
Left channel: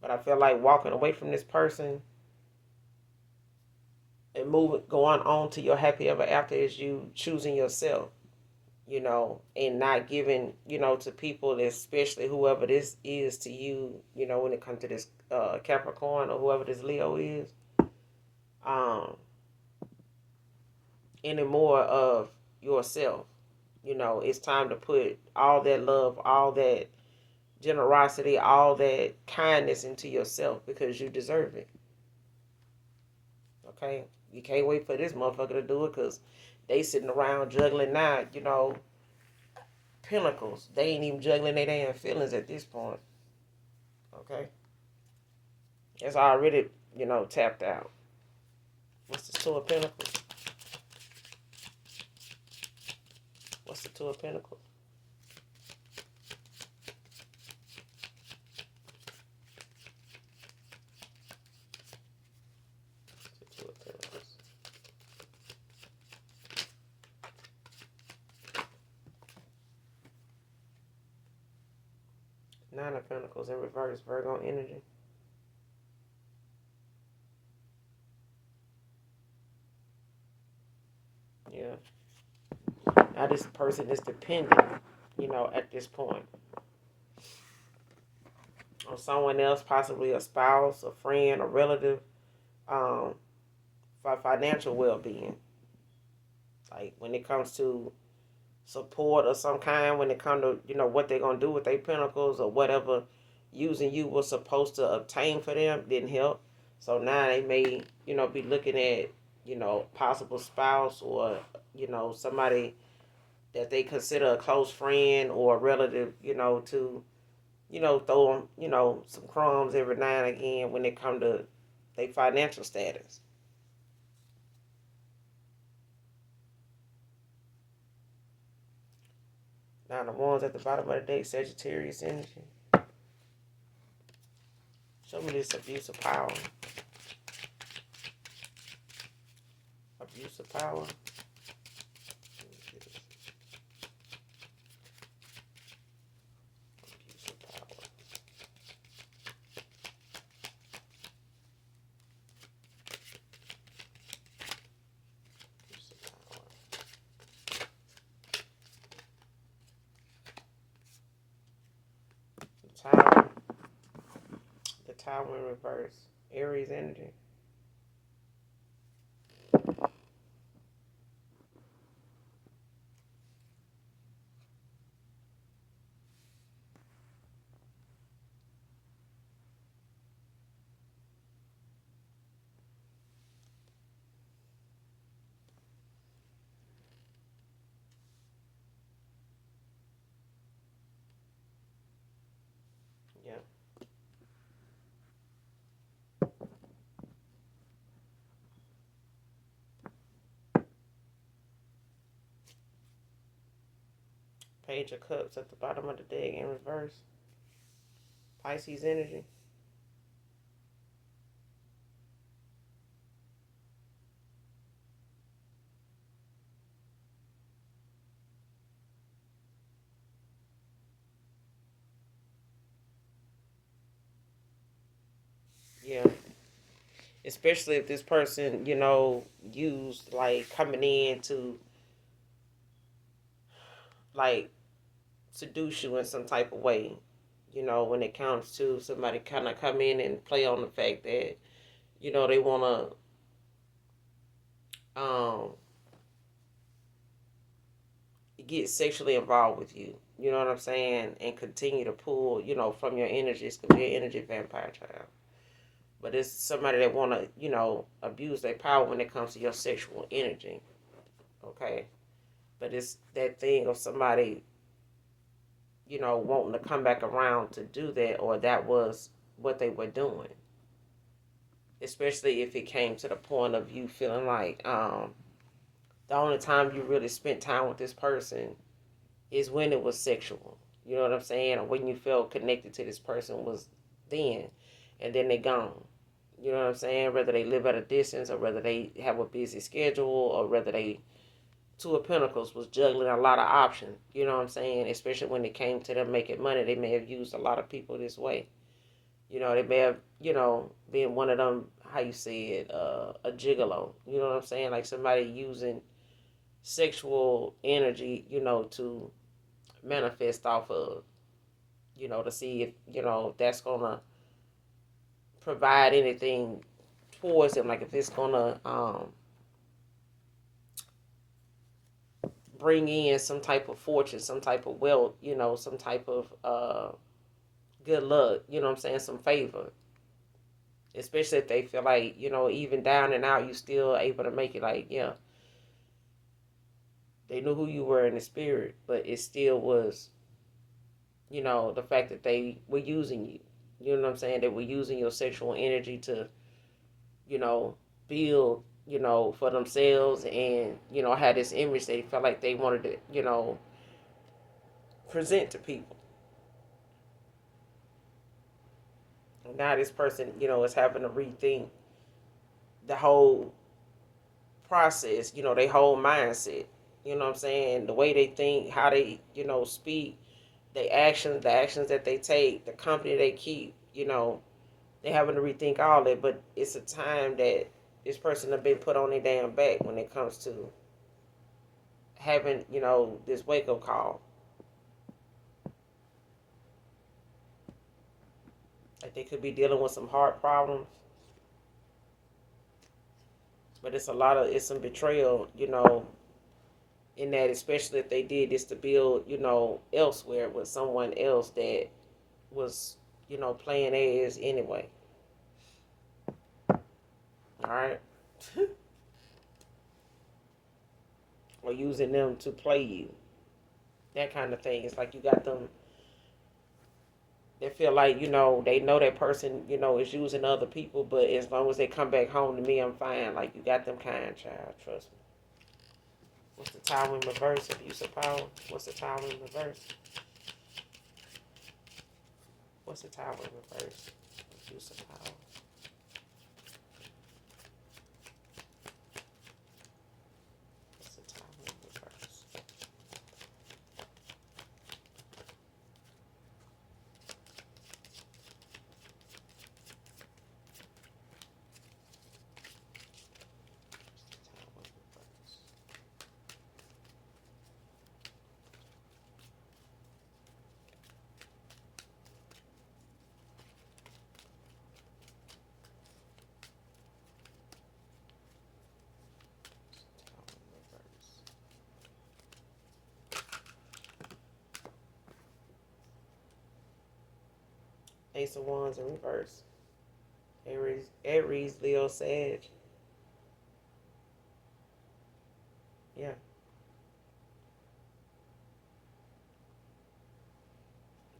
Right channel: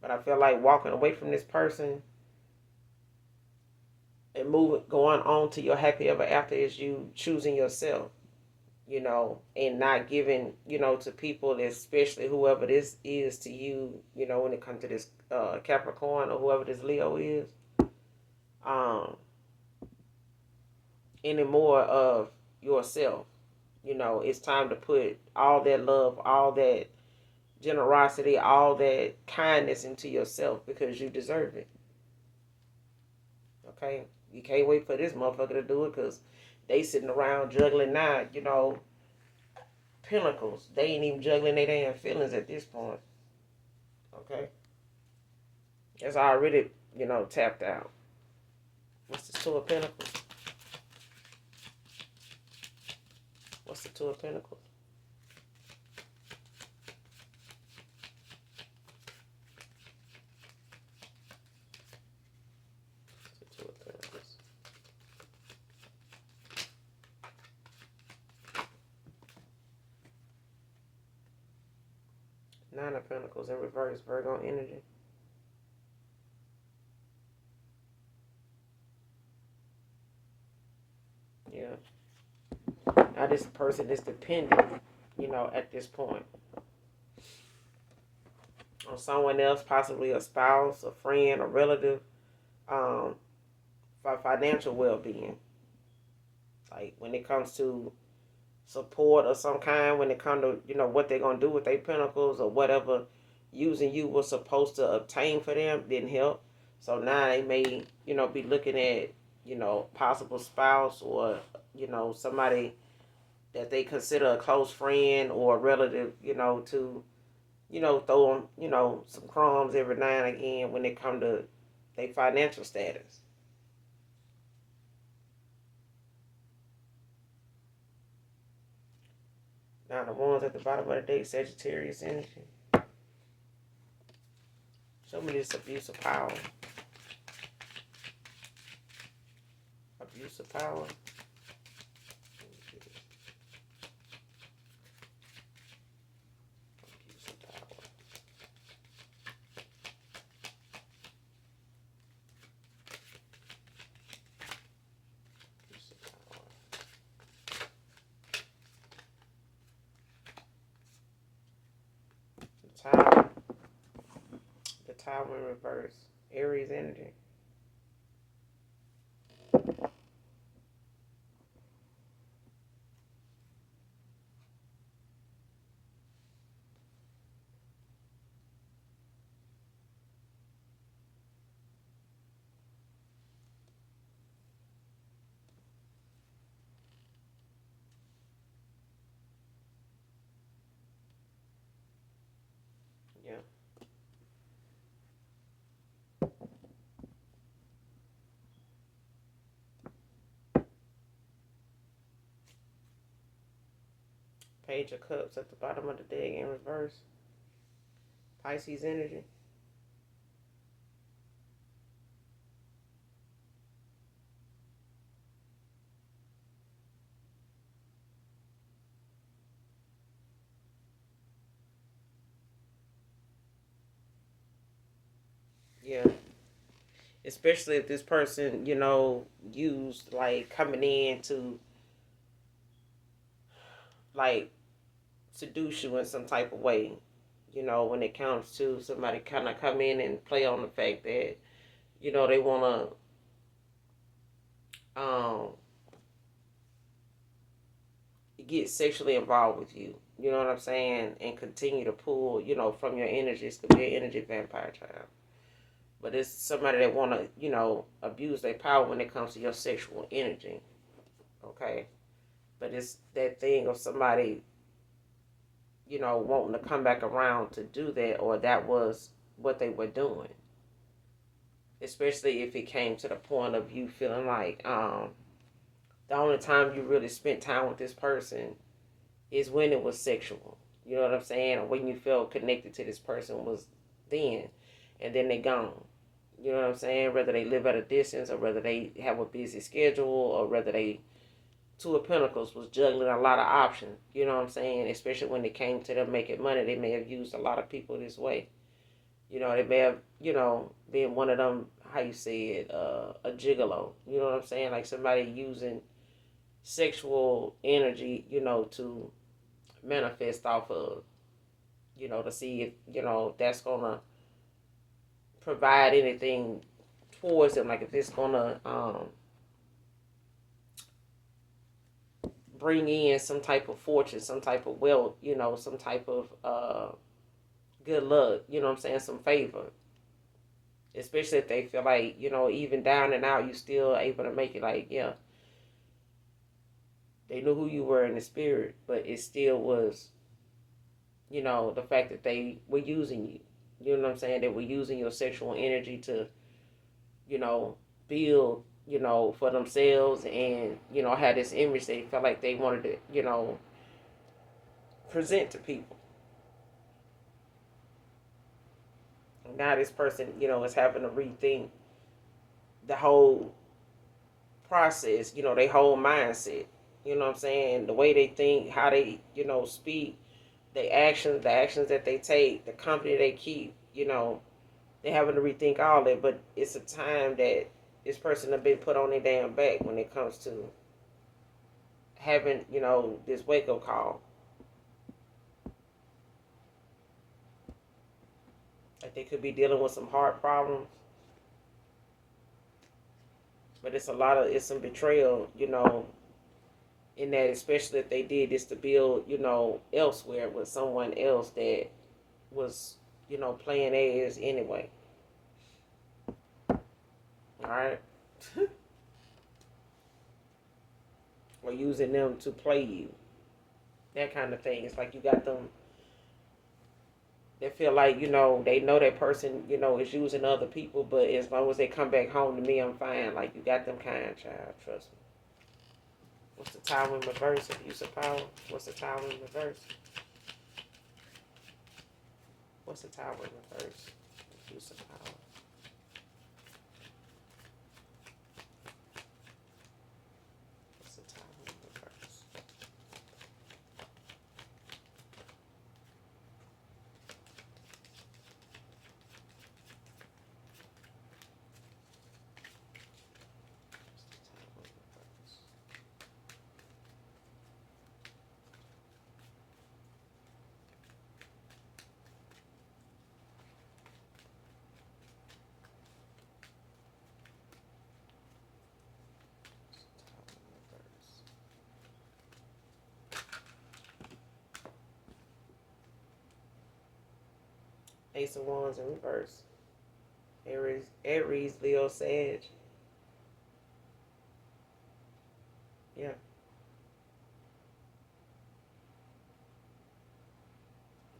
But I feel like walking away from this person and moving, going on to your happy ever after is you choosing yourself, and not giving, to people, especially whoever this is to you, when it comes to this Capricorn or whoever this Leo is, um, any more of yourself. It's time to put all that love, all that generosity, all that kindness into yourself because you deserve it. Okay? You can't wait for this motherfucker to do it because they sitting around juggling now, pinnacles. They ain't even juggling their damn feelings at this point. Okay? It's already, tapped out. What's the Two of Pentacles? What's the Two of Pentacles? The Two of Pentacles. Nine of Pentacles in reverse, Virgo energy. Yeah. Now this person is dependent, at this point, on someone else, possibly a spouse, a friend, a relative, um, for financial well-being. Like when it comes to support of some kind, when it comes to, what they're going to do with their pentacles or whatever using you was supposed to obtain for them didn't help. So now they may, be looking at, possible spouse or, somebody that they consider a close friend or a relative, to, throw them, some crumbs every now and again when it come to their financial status. Now the ones at the bottom of the deck, Sagittarius energy. Show me this abuse of power. Abuse of power. Abuse of power. Abuse of power. The Tower. The Tower in reverse. Aries energy. Yeah. Page of Cups at the bottom of the deck in reverse. Pisces energy. Yeah. Especially if this person, used like coming in to like seduce you in some type of way. When it comes to somebody kind of come in and play on the fact that, they want to get sexually involved with you. You know what I'm saying? And continue to pull, from your energy. It's could be an energy vampire child. But it's somebody that want to, abuse their power when it comes to your sexual energy. Okay? But it's that thing of somebody, wanting to come back around to do that, or that was what they were doing. especially if it came to the point of you feeling like the only time you really spent time with this person is when it was sexual. You know what I'm saying? Or when you felt connected to this person was then, and then they gone. You know what I'm saying? Whether they live at a distance, or whether they have a busy schedule, or whether they, Two of Pentacles was juggling a lot of options. You know what I'm saying? Especially when it came to them making money, they may have used a lot of people this way. You know, they may have, been one of them, how you say it, a gigolo. You know what I'm saying? Like somebody using sexual energy, to manifest off of, to see if, that's gonna provide anything towards them. Like if it's gonna bring in some type of fortune, some type of wealth, some type of good luck, you know what I'm saying, some favor. Especially if they feel like, even down and out, you still able to make it. Like, yeah, they knew who you were in the spirit, but it still was, the fact that they were using you. You know what I'm saying? They were using your sexual energy to, build, for themselves, and, had this image they felt like they wanted to, present to people. And now this person, is having to rethink the whole process, their whole mindset. You know what I'm saying? The way they think, how they, speak, the actions that they take, the company they keep, they having to rethink all that. But it's a time that this person have been put on their damn back when it comes to having, this wake up call. Like they could be dealing with some heart problems, but it's some betrayal, in that, especially if they did this to build, elsewhere with someone else that was, playing as anyway. All right. Or using them to play you. That kind of thing. It's like you got them, they feel like, they know that person, is using other people, but as long as they come back home to me, I'm fine. Like you got them kind, child. Trust me. What's the Tower in reverse? Abuse of power. What's the Tower in reverse? What's the Tower in reverse? Abuse of power. What's the Tower in reverse? Ace of Wands in reverse. Aries, Leo, Sag. Yeah.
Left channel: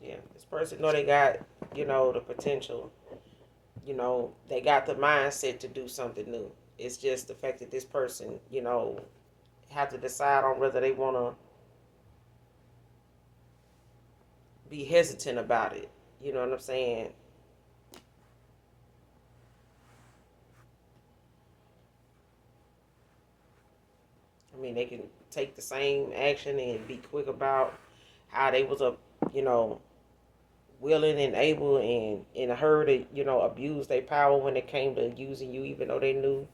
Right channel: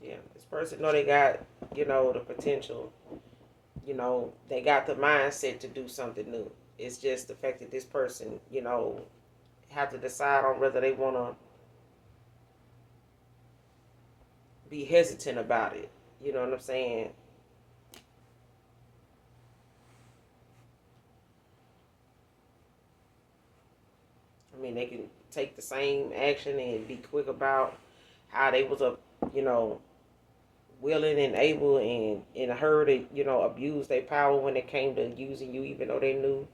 Yeah. This person know they got, the potential. They got the mindset to do something new. It's just the fact that this person, have to decide on whether they want to be hesitant about it. You know what I'm saying? I mean, they can take the same action and be quick about how they was you know, willing and able and in a hurry to, abuse their power when it came to using you, even though they knew,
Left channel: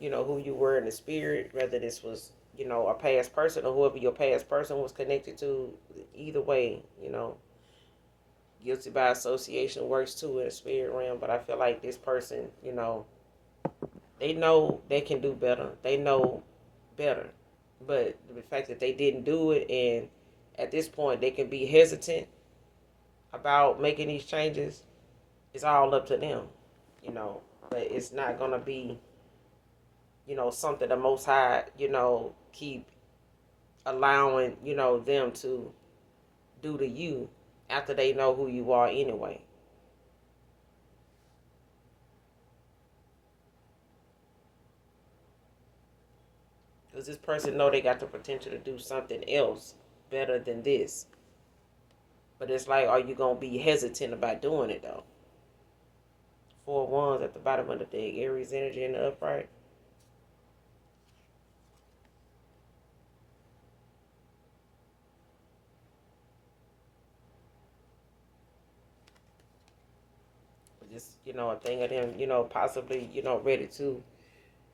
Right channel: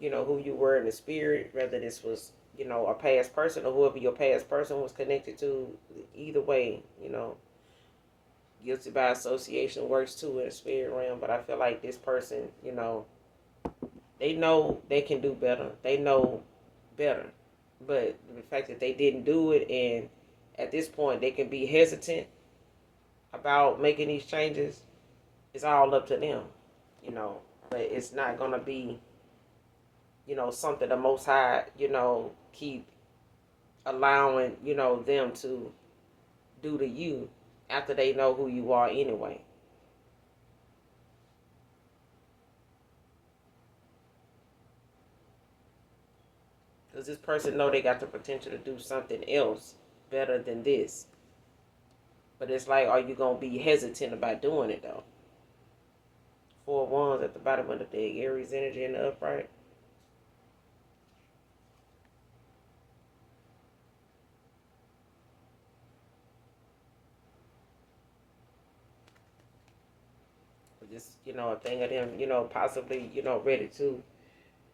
who you were in the spirit, whether this was, a past person or whoever your past person was connected to. Either way, guilty by association works too in the spirit realm. But I feel like this person, they know they can do better. They know better. But the fact that they didn't do it, and at this point they can be hesitant about making these changes, it's all up to them, But it's not gonna be, something the Most High, keep allowing, them to do to you after they know who you are anyway. Because this person know they got the potential to do something else better than this. But it's like, are you going to be hesitant about doing it, though? 4 wands at the bottom of the deck. Aries energy in the upright. Just, a thing of them, possibly, ready to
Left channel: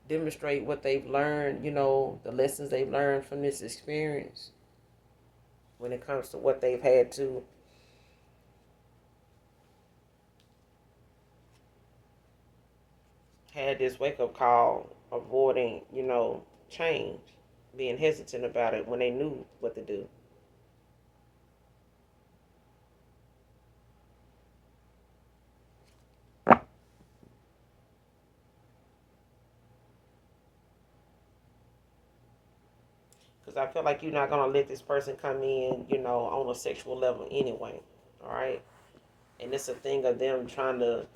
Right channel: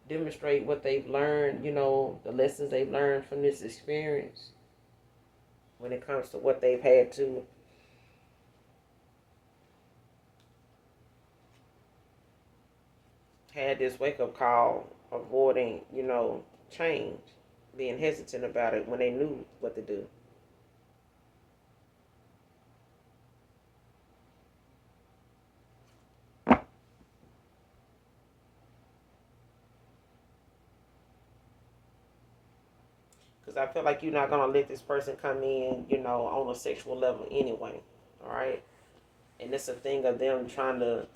demonstrate what they've learned, the lessons they've learned from this experience when it comes to what they've had to had this wake up call, avoiding, change, being hesitant about it when they knew what to do. Because I feel like you're not going to let this person come in, on a sexual level anyway. All right. And it's a thing of them trying to,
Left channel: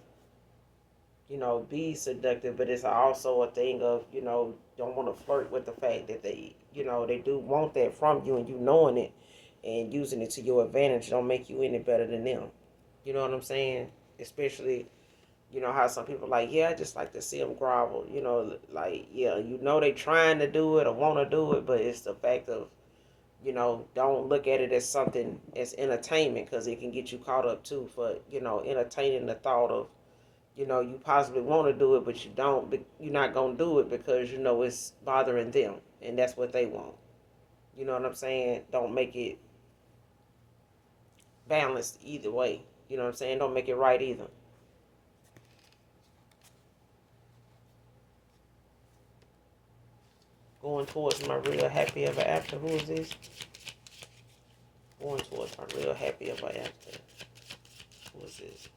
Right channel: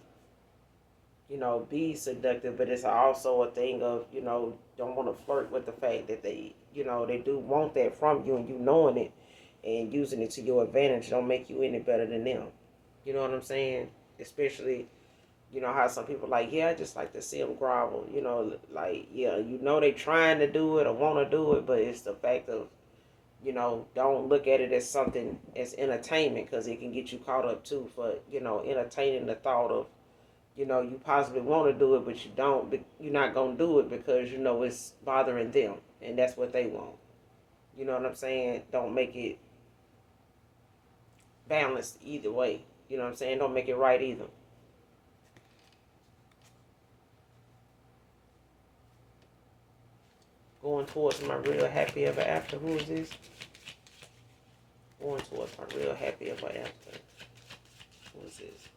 be seductive, but it's also a thing of, don't want to flirt with the fact that they do want that from you, and you knowing it and using it to your advantage don't make you any better than them. You know what I'm saying? Especially, how some people like, yeah, I just like to see them grovel. Like, yeah, they trying to do it or want to do it, but it's the fact of, don't look at it as something as entertainment, because it can get you caught up too for, entertaining the thought of, you possibly want to do it, but you don't. But you're not gonna do it because it's bothering them, and that's what they want. You know what I'm saying? Don't make it balanced either way. You know what I'm saying? Don't make it right either. Going towards my real happy ever after. Who is this? Going towards my real happy ever after. Who is this?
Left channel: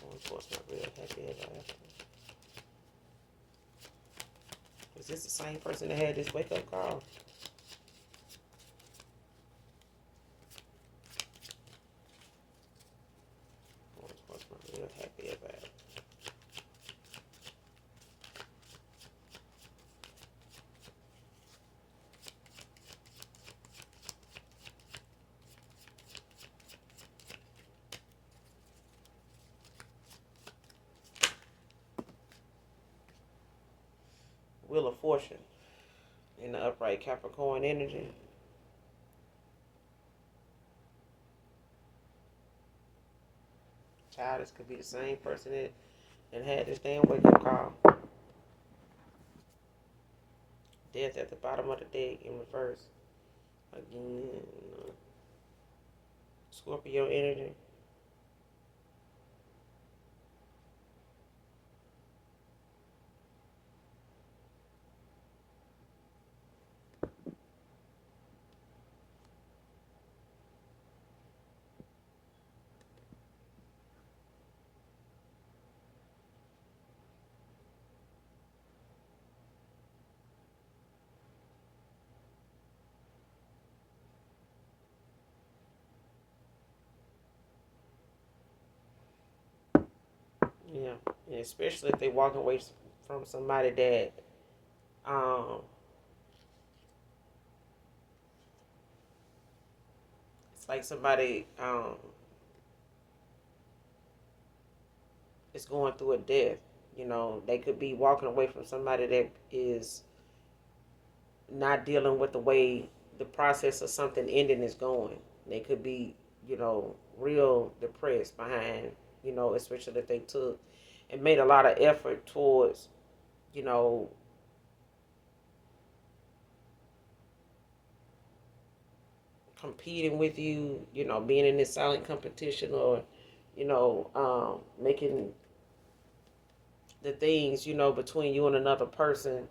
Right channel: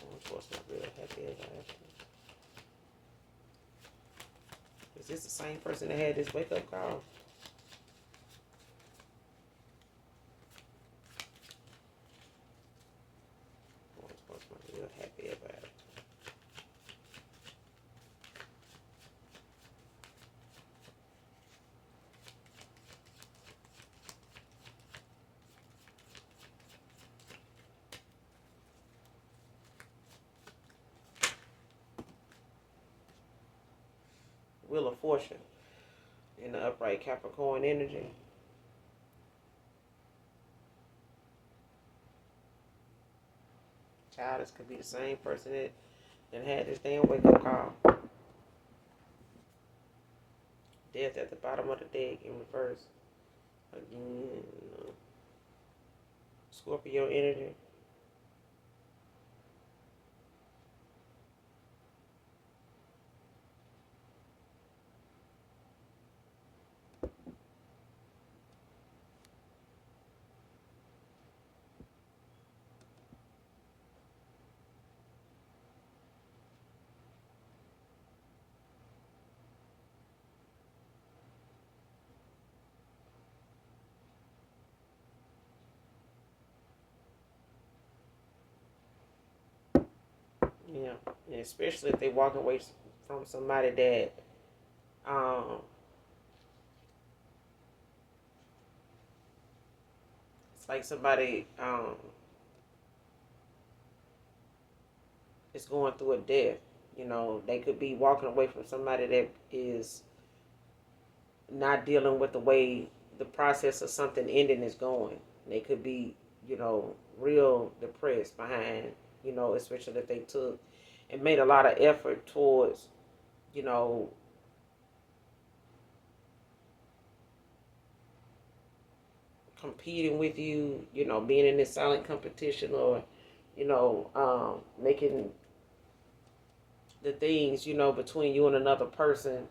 Going towards my real happy ever after. Is this the same person that had this wake up call? Going towards my real happy ever after. Wheel of Fortune in the upright Capricorn energy. Child, this could be the same person that had this damn wake up call. Death at the bottom of the deck in reverse. Again, Scorpio energy. Yeah, and especially if they walk away from somebody that it's like somebody is going through a death. They could be walking away from somebody that is not dealing with the way the process of something ending is going. They could be, real depressed behind, especially if they took and made a lot of effort towards, you know, competing with you, being in this silent competition, or, making the things, between you and another person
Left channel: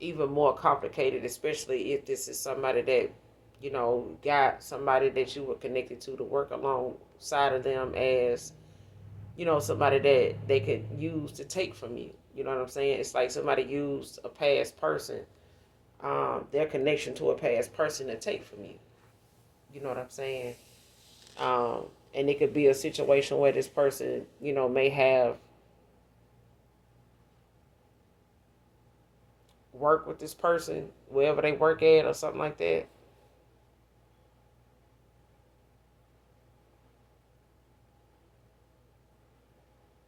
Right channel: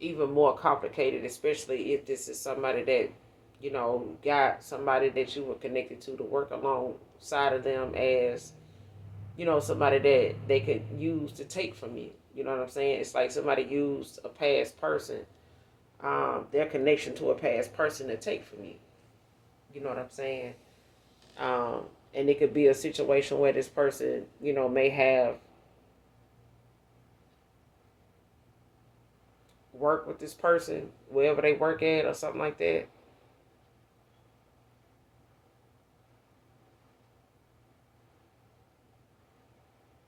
even more complicated, especially if this is somebody that, got somebody that you were connected to work alongside of them as, somebody that they could use to take from you. You know what I'm saying? It's like somebody used a past person, their connection to a past person to take from you. You know what I'm saying? And it could be a situation where this person, may have work with this person, wherever they work at or something like that.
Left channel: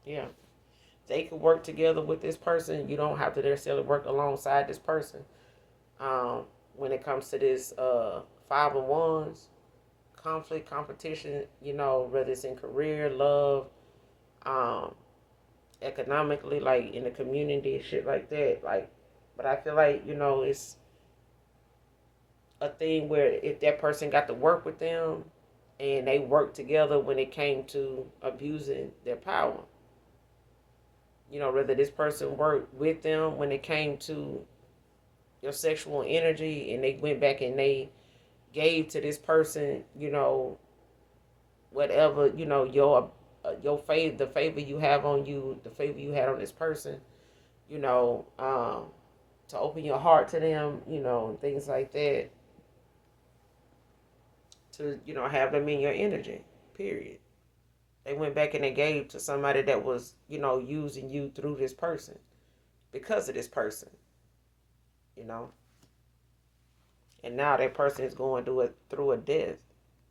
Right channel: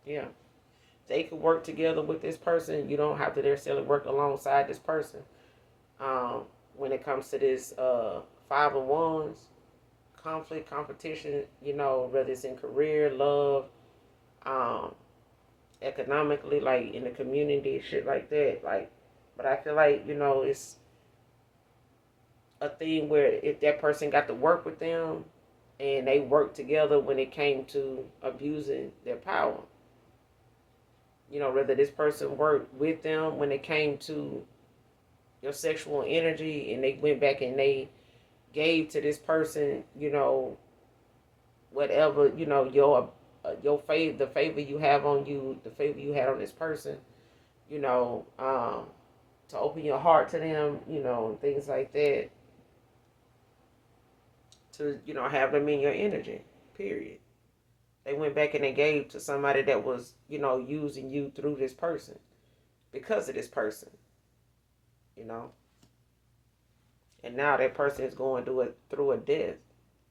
Yeah. They could work together with this person. You don't have to necessarily work alongside this person. Um, when it comes to this five of wands, conflict, competition, whether it's in career, love, um, economically, like in the community, shit like that. Like, but I feel like, it's a thing where if that person got to work with them and they worked together when it came to abusing their power. Whether this person worked with them when it came to your sexual energy and they went back and they gave to this person, whatever, your favor, the favor you have on you, the favor you had on this person, you know, um, to open your heart to them, things like that, to, have them in your energy, period. They went back and they gave to somebody that was, using you through this person, because of this person, you know. And now that person is going through a death,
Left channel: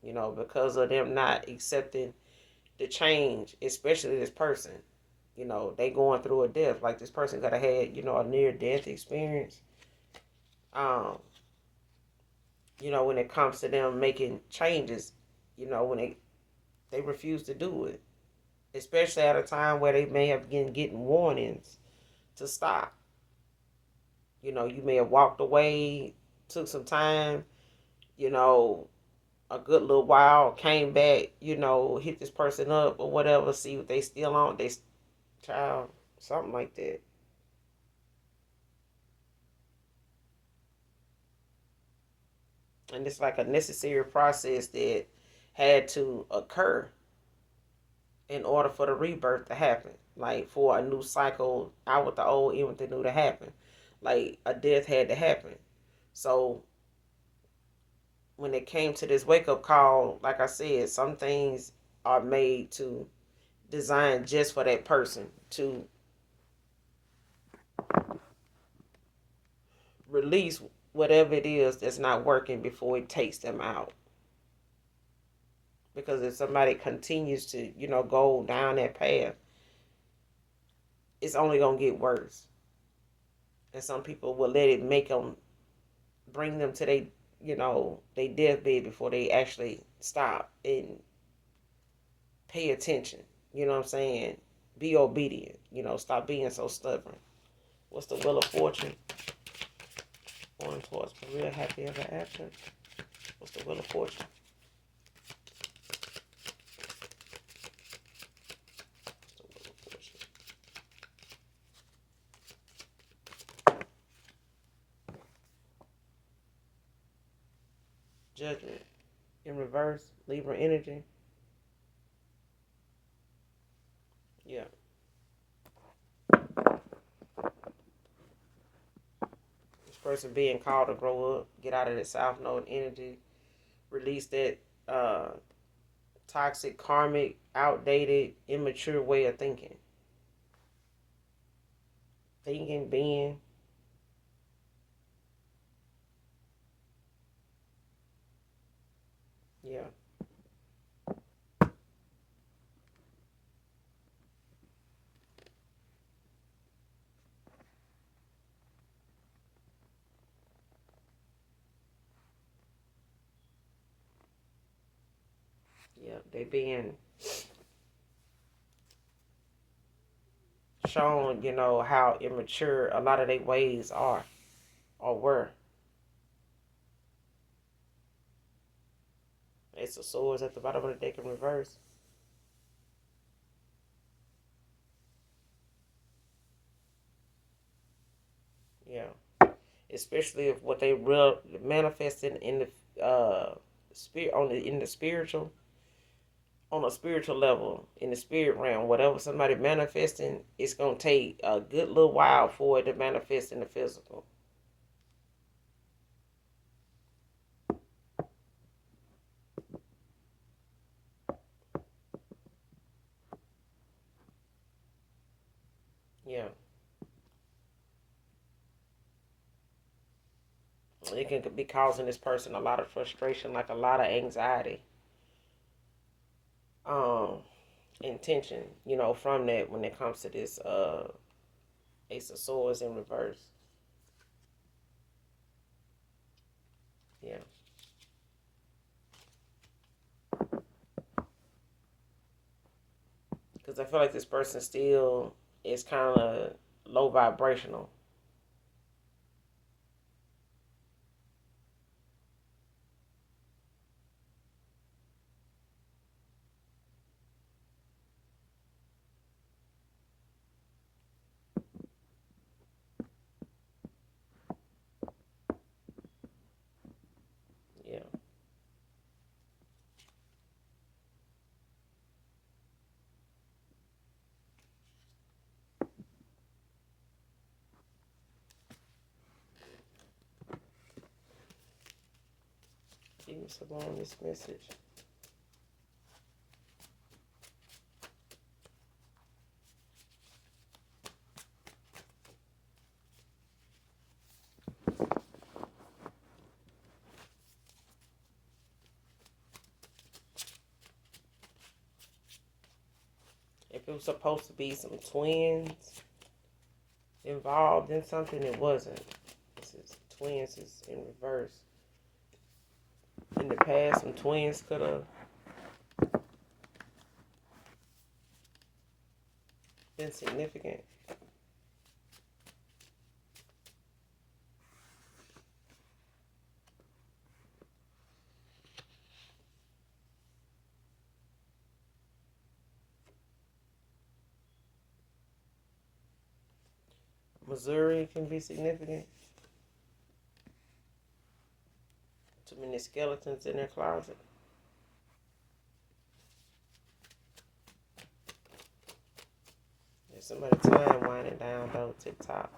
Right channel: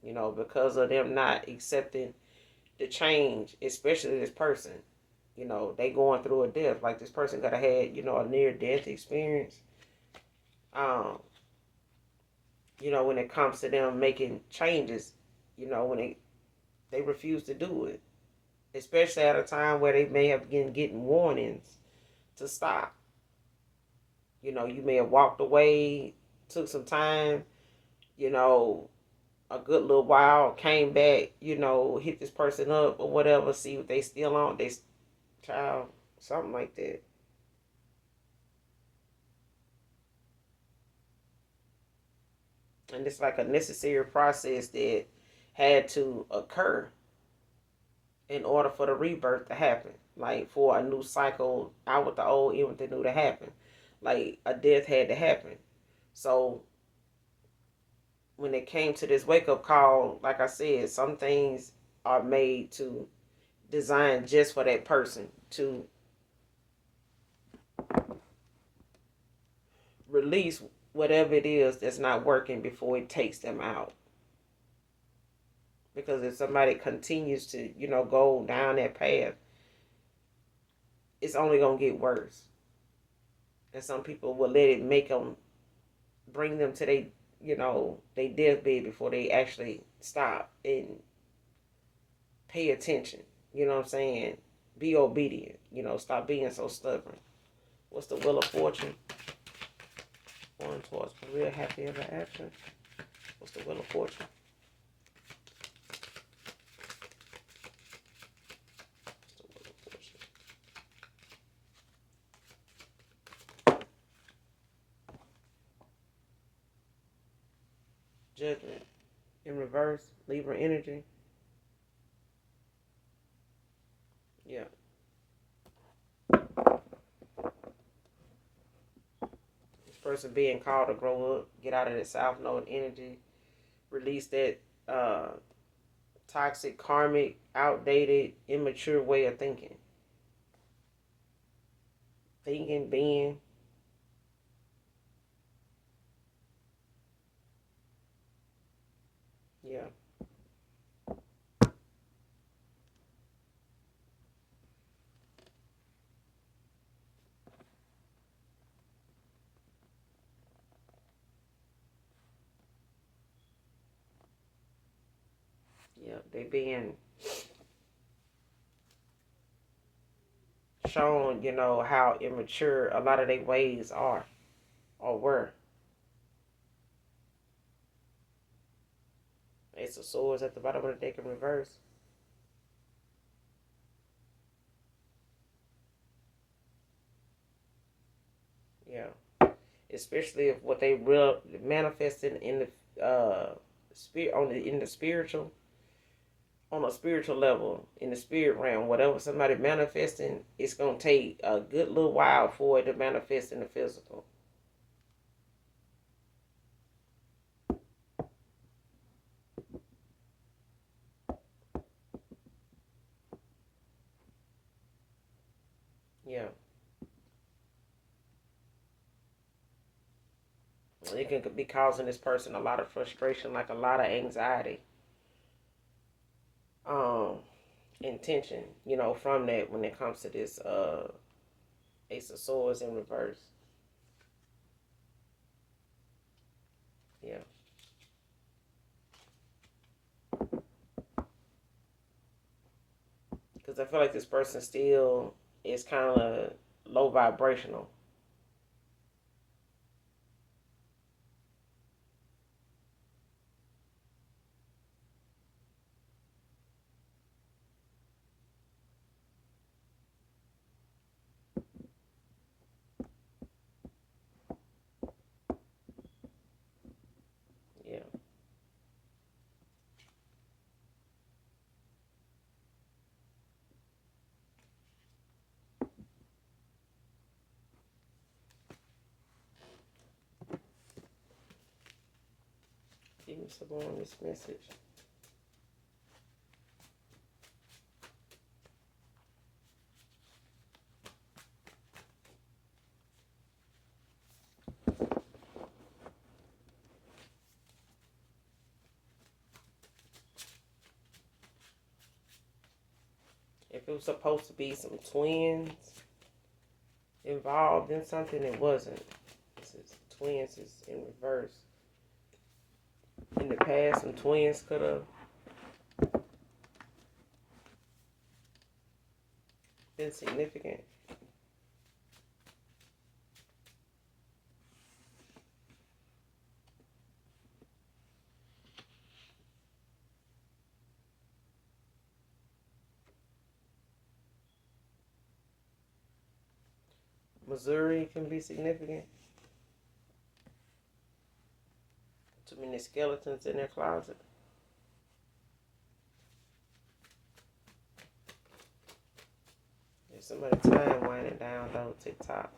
because of them not accepting the change, especially this person. They going through a death. Like this person could have had, a near death experience. Um, when it comes to them making changes, when they refuse to do it. Especially at a time where they may have been getting warnings to stop. You may have walked away, took some time, you know, a good little while, came back, hit this person up or whatever, see what they still on, they child, something like that. And it's like a necessary process that had to occur in order for the rebirth to happen. Like for a new cycle out with the old, in with the new to happen. Like a death had to happen. So when it came to this wake up call, like I said, some things are made to design just for that person to release whatever it is that's not working before it takes them out. Because if somebody continues to, go down that path, it's only gonna get worse. And some people will let it make them bring them to they deathbed before they actually stop and pay attention. You know what I'm saying? Be obedient. Stop being so stubborn. What's the Wheel of Fortune? Going towards career, happy ever after. What's the Wheel of Fortune? What's the Wheel of Fortune? Judgment. In reverse, Libra energy. Yeah. This person being called to grow up, get out of that South Node energy, release that toxic, karmic, outdated, immature way of thinking. Thinking, being. Yeah. Yeah. They being shown, how immature a lot of their ways are or were. Ace of Swords at the bottom of the deck in reverse. Yeah. Especially if what they real manifested in the spirit in the spiritual, on a spiritual level, in the spirit realm, whatever somebody manifesting, it's gonna take a good little while for it to manifest in the physical. Yeah. It can be causing this person a lot of frustration, like a lot of anxiety, um, and tension, from that when it comes to this Ace of Swords in reverse. Yeah. Because I feel like this person still is kind of low vibrational. Yeah. Give me some more on this message. If it was supposed to be some twins involved in something, it wasn't. This is twins is in reverse. In the past, some twins could have been significant. Missouri can be significant. Too many skeletons in their closet. There's somebody time winding down though, TikTok.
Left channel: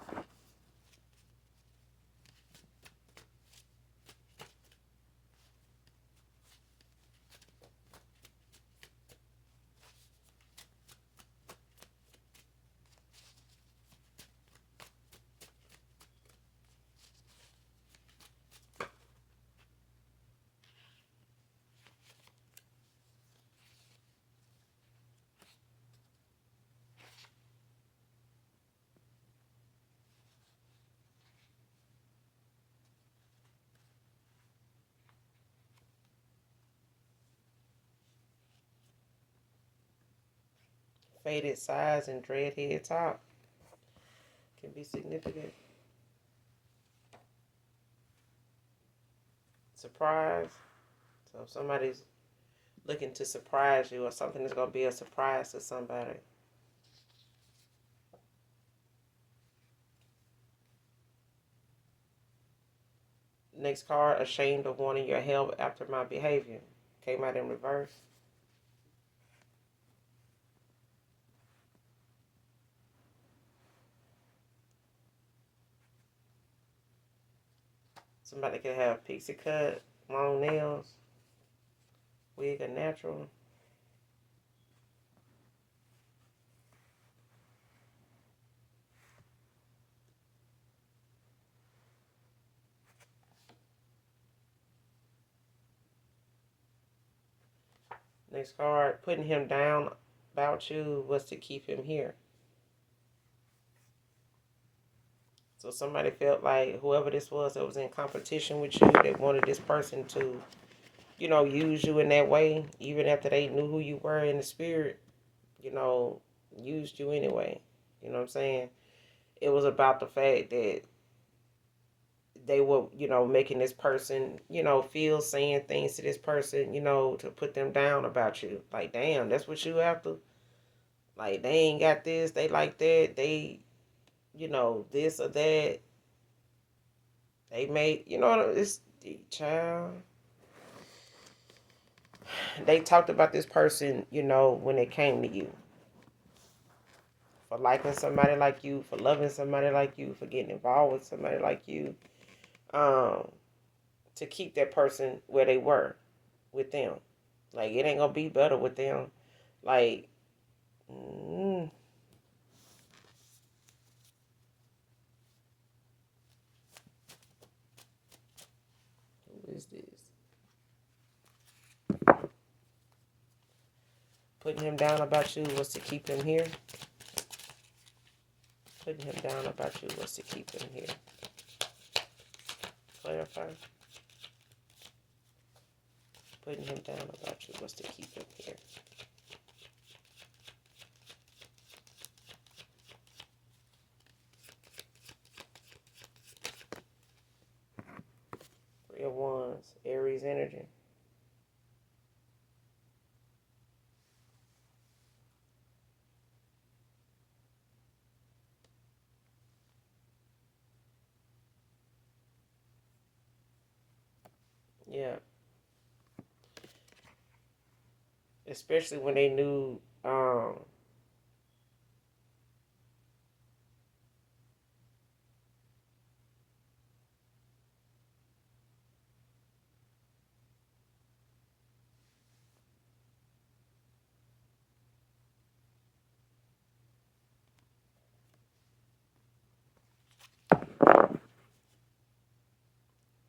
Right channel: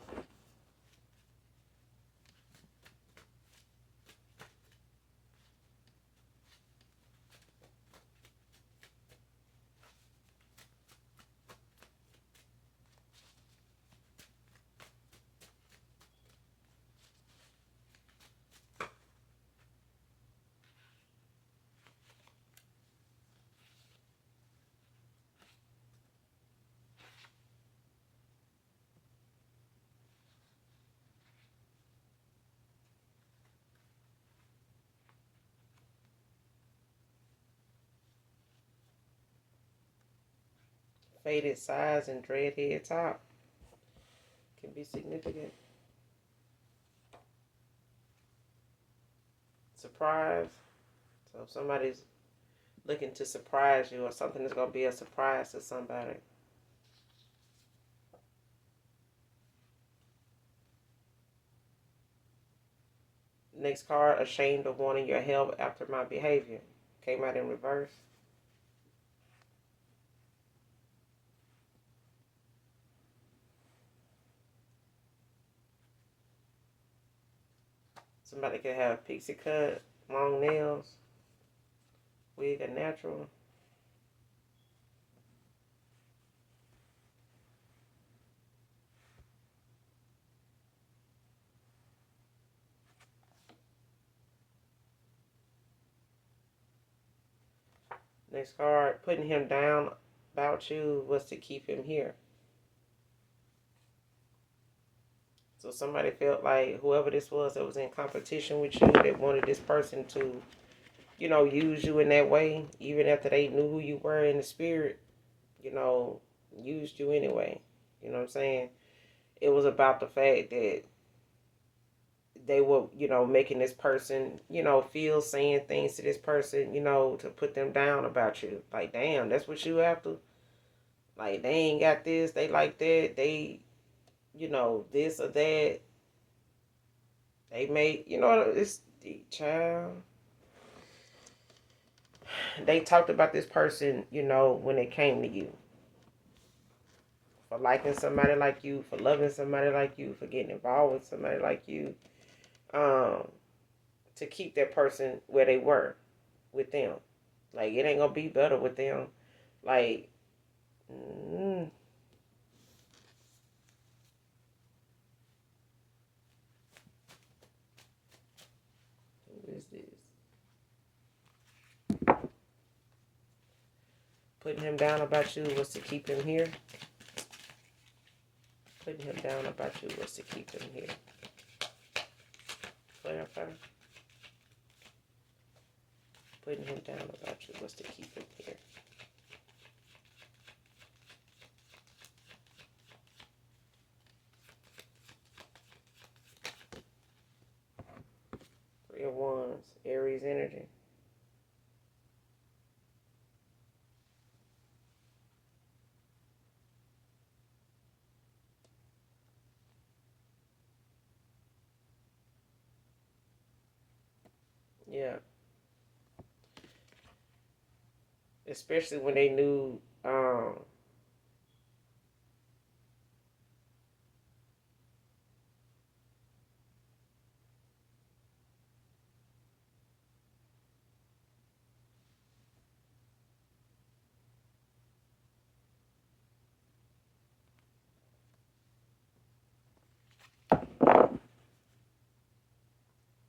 Faded sides and dreadhead top can be significant. Surprise. So if somebody's looking to surprise you or something is going to be a surprise to somebody. Next card, ashamed of wanting your help after my behavior. Came out in reverse. Somebody could have pixie cut, long nails, wig or natural. Next card, putting him down about you was to keep him here. So somebody felt like whoever this was that was in competition with you, they wanted this person to, use you in that way, even after they knew who you were in the spirit, you know, used you anyway. You know what I'm saying? It was about the fact that they were, making this person, feel saying things to this person, to put them down about you. Like, damn, that's what you have to. Like, they ain't got this, they like that, they, this or that. They made, this child. They talked about this person, when it came to you. For liking somebody like you, for loving somebody like you, for getting involved with somebody like you. Um, to keep that person where they were with them. Like, it ain't gonna be better with them. Like, mm, Putting him down about you was to keep him here. Putting him down about you was to keep him here. Clarify. Putting him down about you was to keep him here. Three of Wands, Aries energy. Yeah. Especially when they knew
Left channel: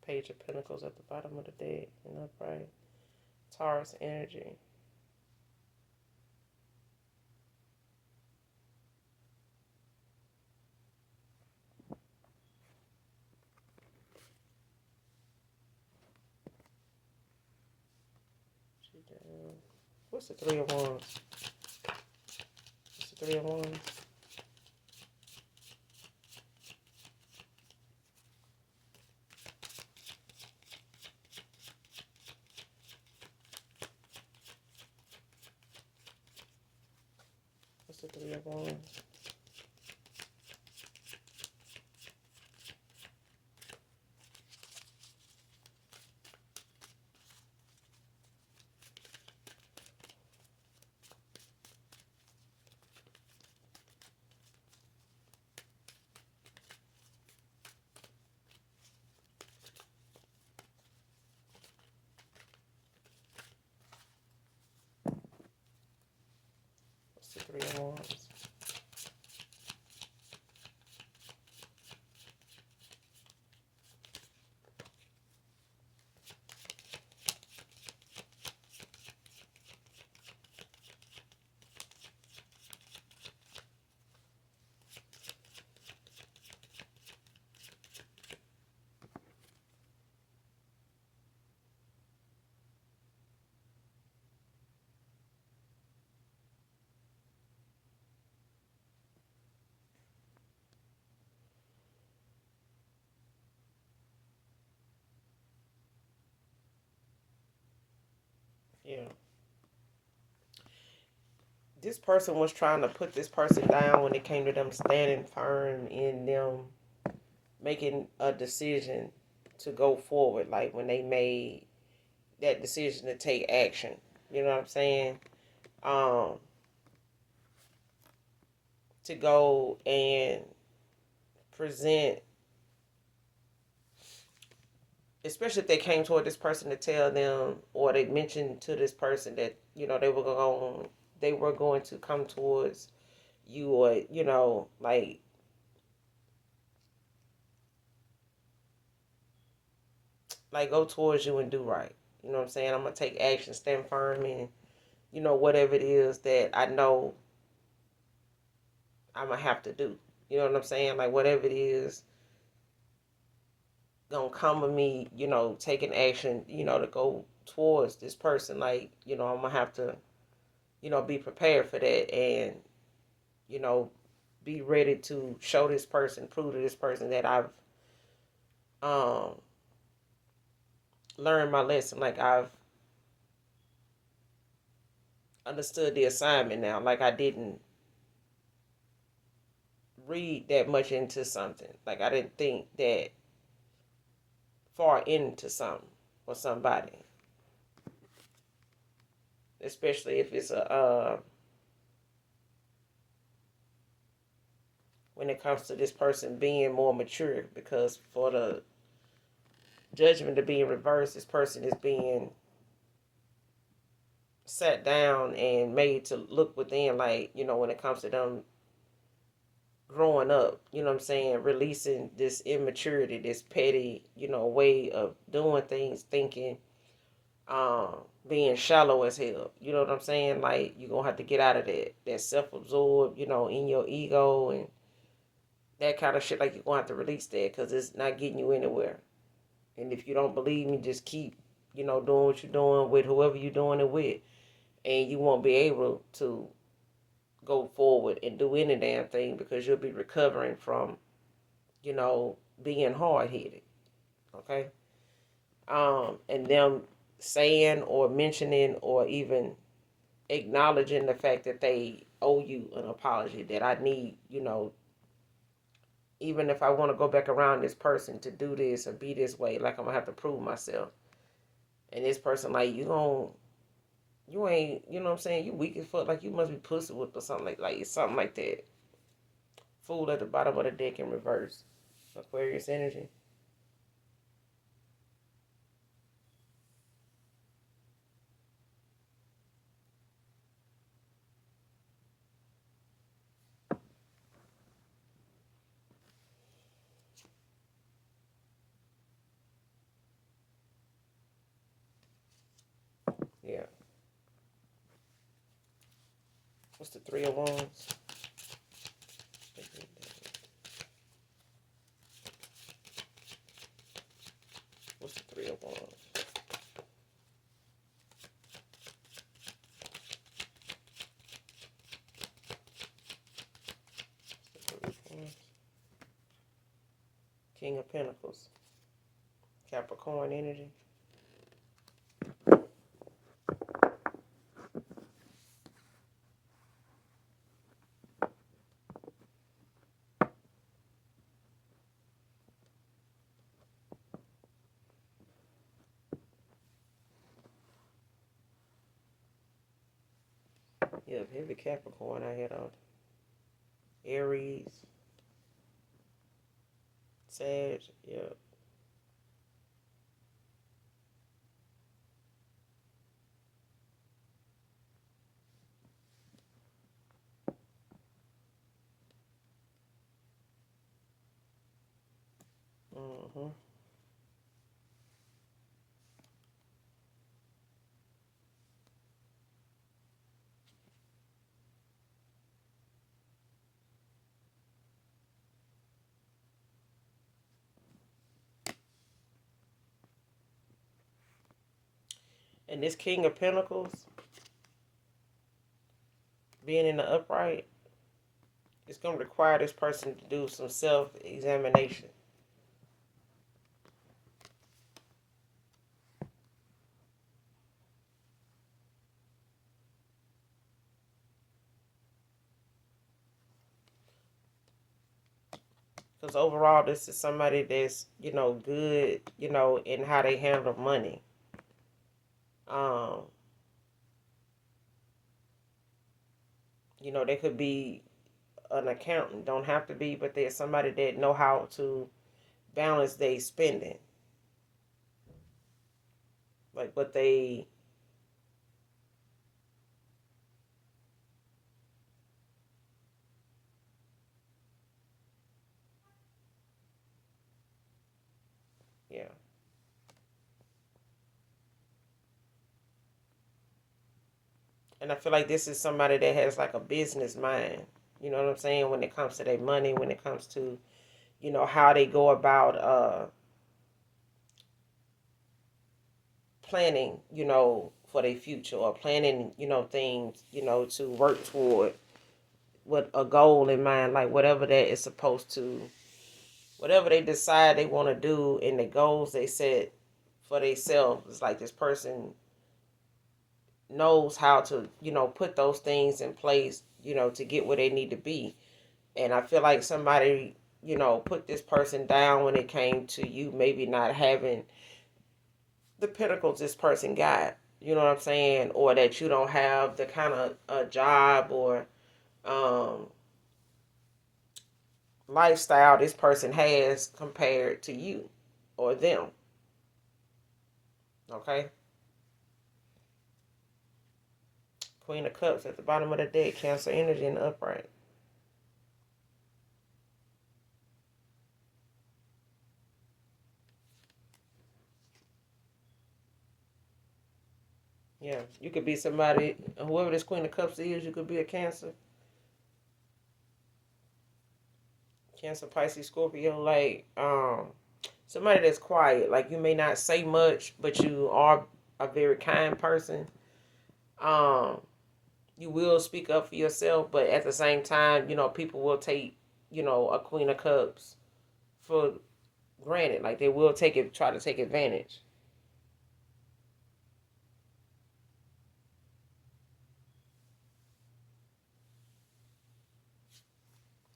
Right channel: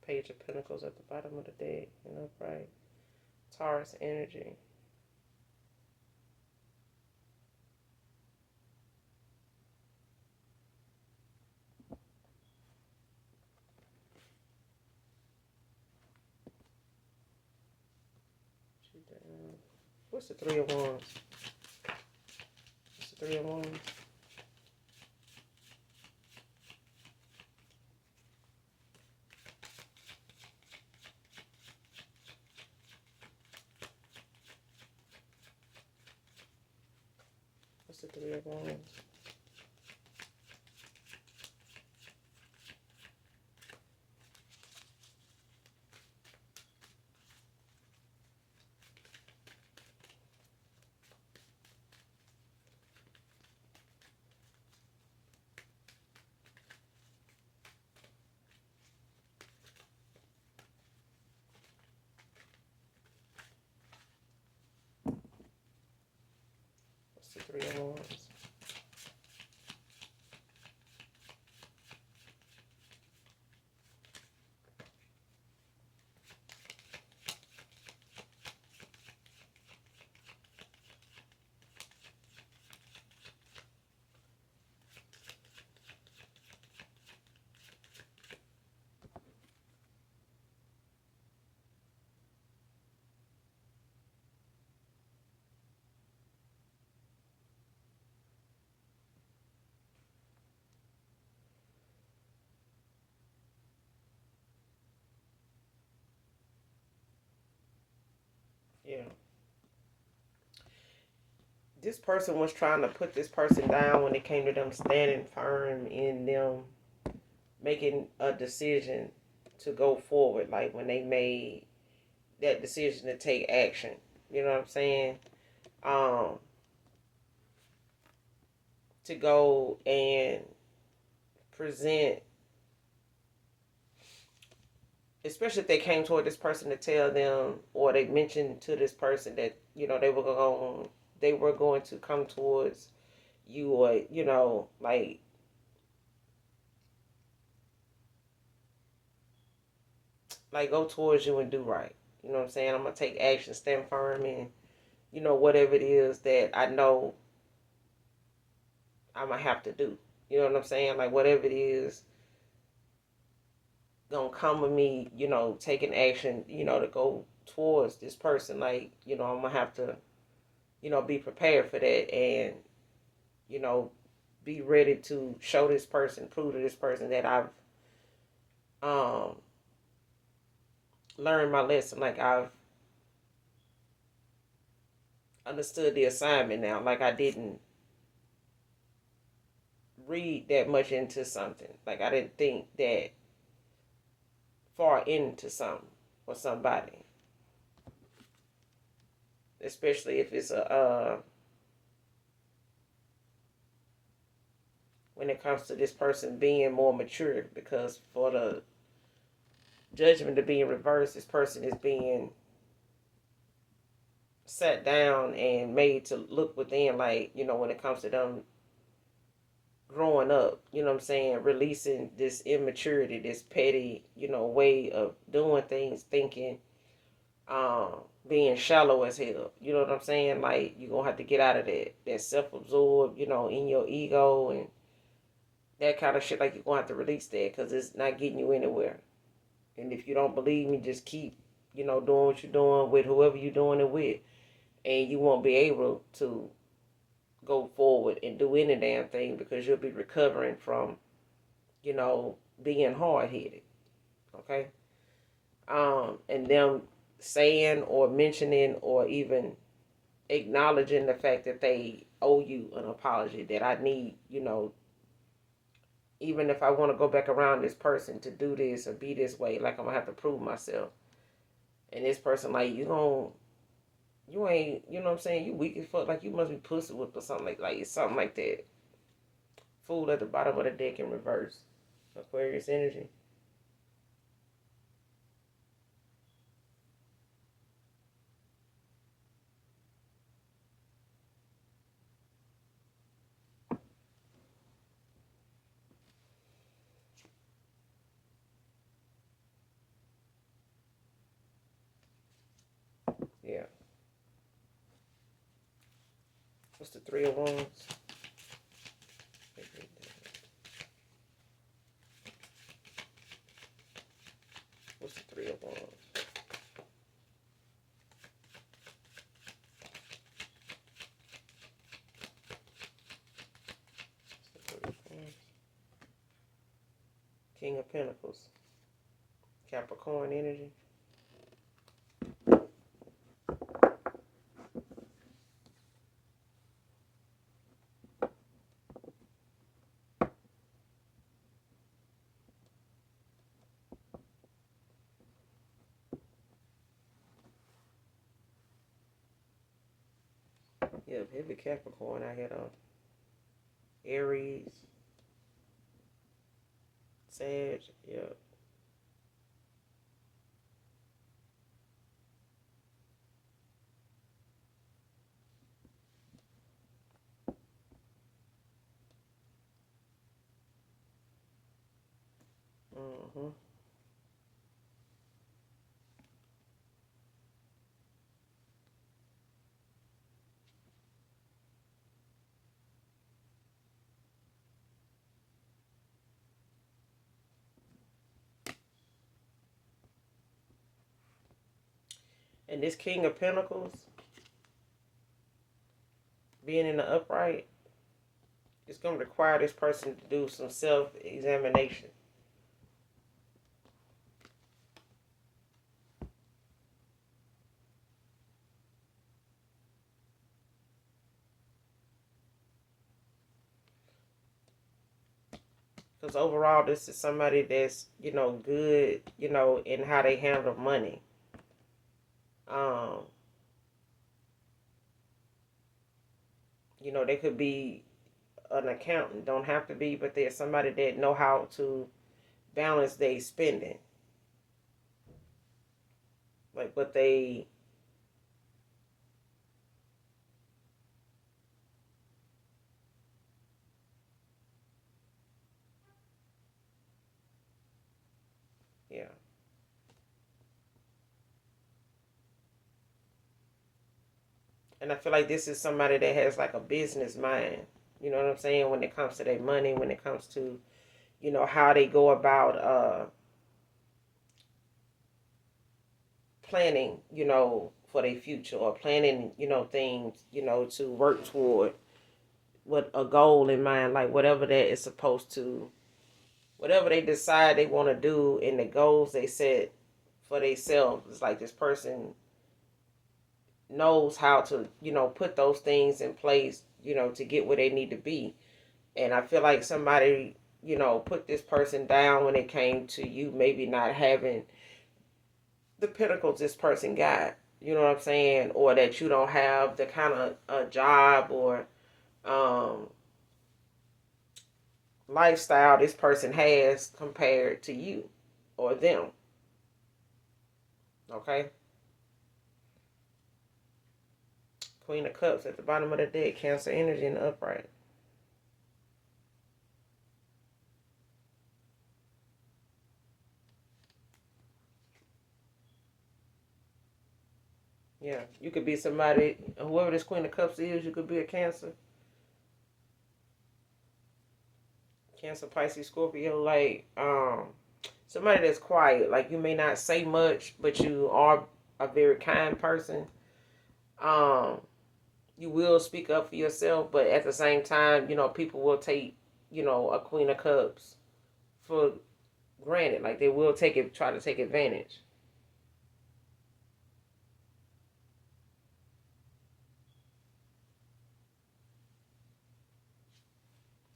Page of Pentacles at the bottom of the deck, right? Taurus energy. What's the Three of Wands? What's the Three of Wands? What's the Three of Wands? What's the Three of Wands? Yeah. This person was trying to put this person down when it came to them standing firm in them making a decision to go forward. Like when they made that decision to take action. You know what I'm saying? To go and present, especially if they came toward this person to tell them, or they mentioned to this person that they were going to come towards you, or like go towards you and do right. You know what I'm saying? I'm gonna take action, stand firm, and whatever it is that I know I'm gonna have to do. You know what I'm saying? Like whatever it is gonna come with me, taking action, to go towards this person. Like, I'm gonna have to, be prepared for that, and, you know, be ready to show this person, prove to this person that I've um learned my lesson. Like I've understood the assignment now. Like I didn't read that much into something. Like I didn't think that far into something or somebody. Especially if it's when it comes to this person being more mature, because for the judgment to be in reverse, this person is being sat down and made to look within, like, when it comes to them growing up, what I'm saying, releasing this immaturity, this petty, way of doing things, thinking, being shallow as hell. You know what I'm saying? Like, you're going to have to get out of that self-absorbed, in your ego and that kind of shit. Like, you're going to have to release that because it's not getting you anywhere. And if you don't believe me, just keep, doing what you're doing with whoever you're doing it with. And you won't be able to go forward and do any damn thing because you'll be recovering from, being hard-headed. Okay? And them saying or mentioning or even acknowledging the fact that they owe you an apology, that I need, even if I want to go back around this person to do this or be this way, like I'm gonna have to prove myself. And this person, like, you ain't, you know what I'm saying, you weak as fuck, like you must be pussy whipped or something like it's something like that. Fool at the bottom of the deck in reverse. Aquarius energy. Yeah. What's the Three of Wands? What's the Three of Wands? King of Pentacles. Capricorn energy. Yeah, heavy Capricorn. I had Aries, Sag. Yeah. Mm-hmm. And this King of Pentacles being in the upright, it's going to require this person to do some self-examination. Because overall, this is somebody that's, good, in how they handle money. Um, they could be an accountant, don't have to be, but there's somebody that know how to balance their spending. Like what they, yeah. And I feel like this is somebody that has like a business mind. You know what I'm saying? When it comes to their money, when it comes to, how they go about planning, for their future or planning, things, to work toward what a goal in mind, like whatever that is supposed to, whatever they decide they want to do and the goals they set for themselves. It's like this person knows how to, put those things in place, to get where they need to be. And I feel like somebody, put this person down when it came to you maybe not having the pinnacles this person got. You know what I'm saying? Or that you don't have the kind of a job or um, lifestyle this person has compared to you or them. Okay? Queen of Cups at the bottom of the deck, Cancer energy in the upright. Yeah, you could be somebody, whoever this Queen of Cups is, you could be a Cancer. Cancer, Pisces, Scorpio, like, somebody that's quiet. Like, you may not say much, but you are a very kind person. Um, you will speak up for yourself, but at the same time, people will take, a Queen of Cups for granted. Like, they will try to take advantage.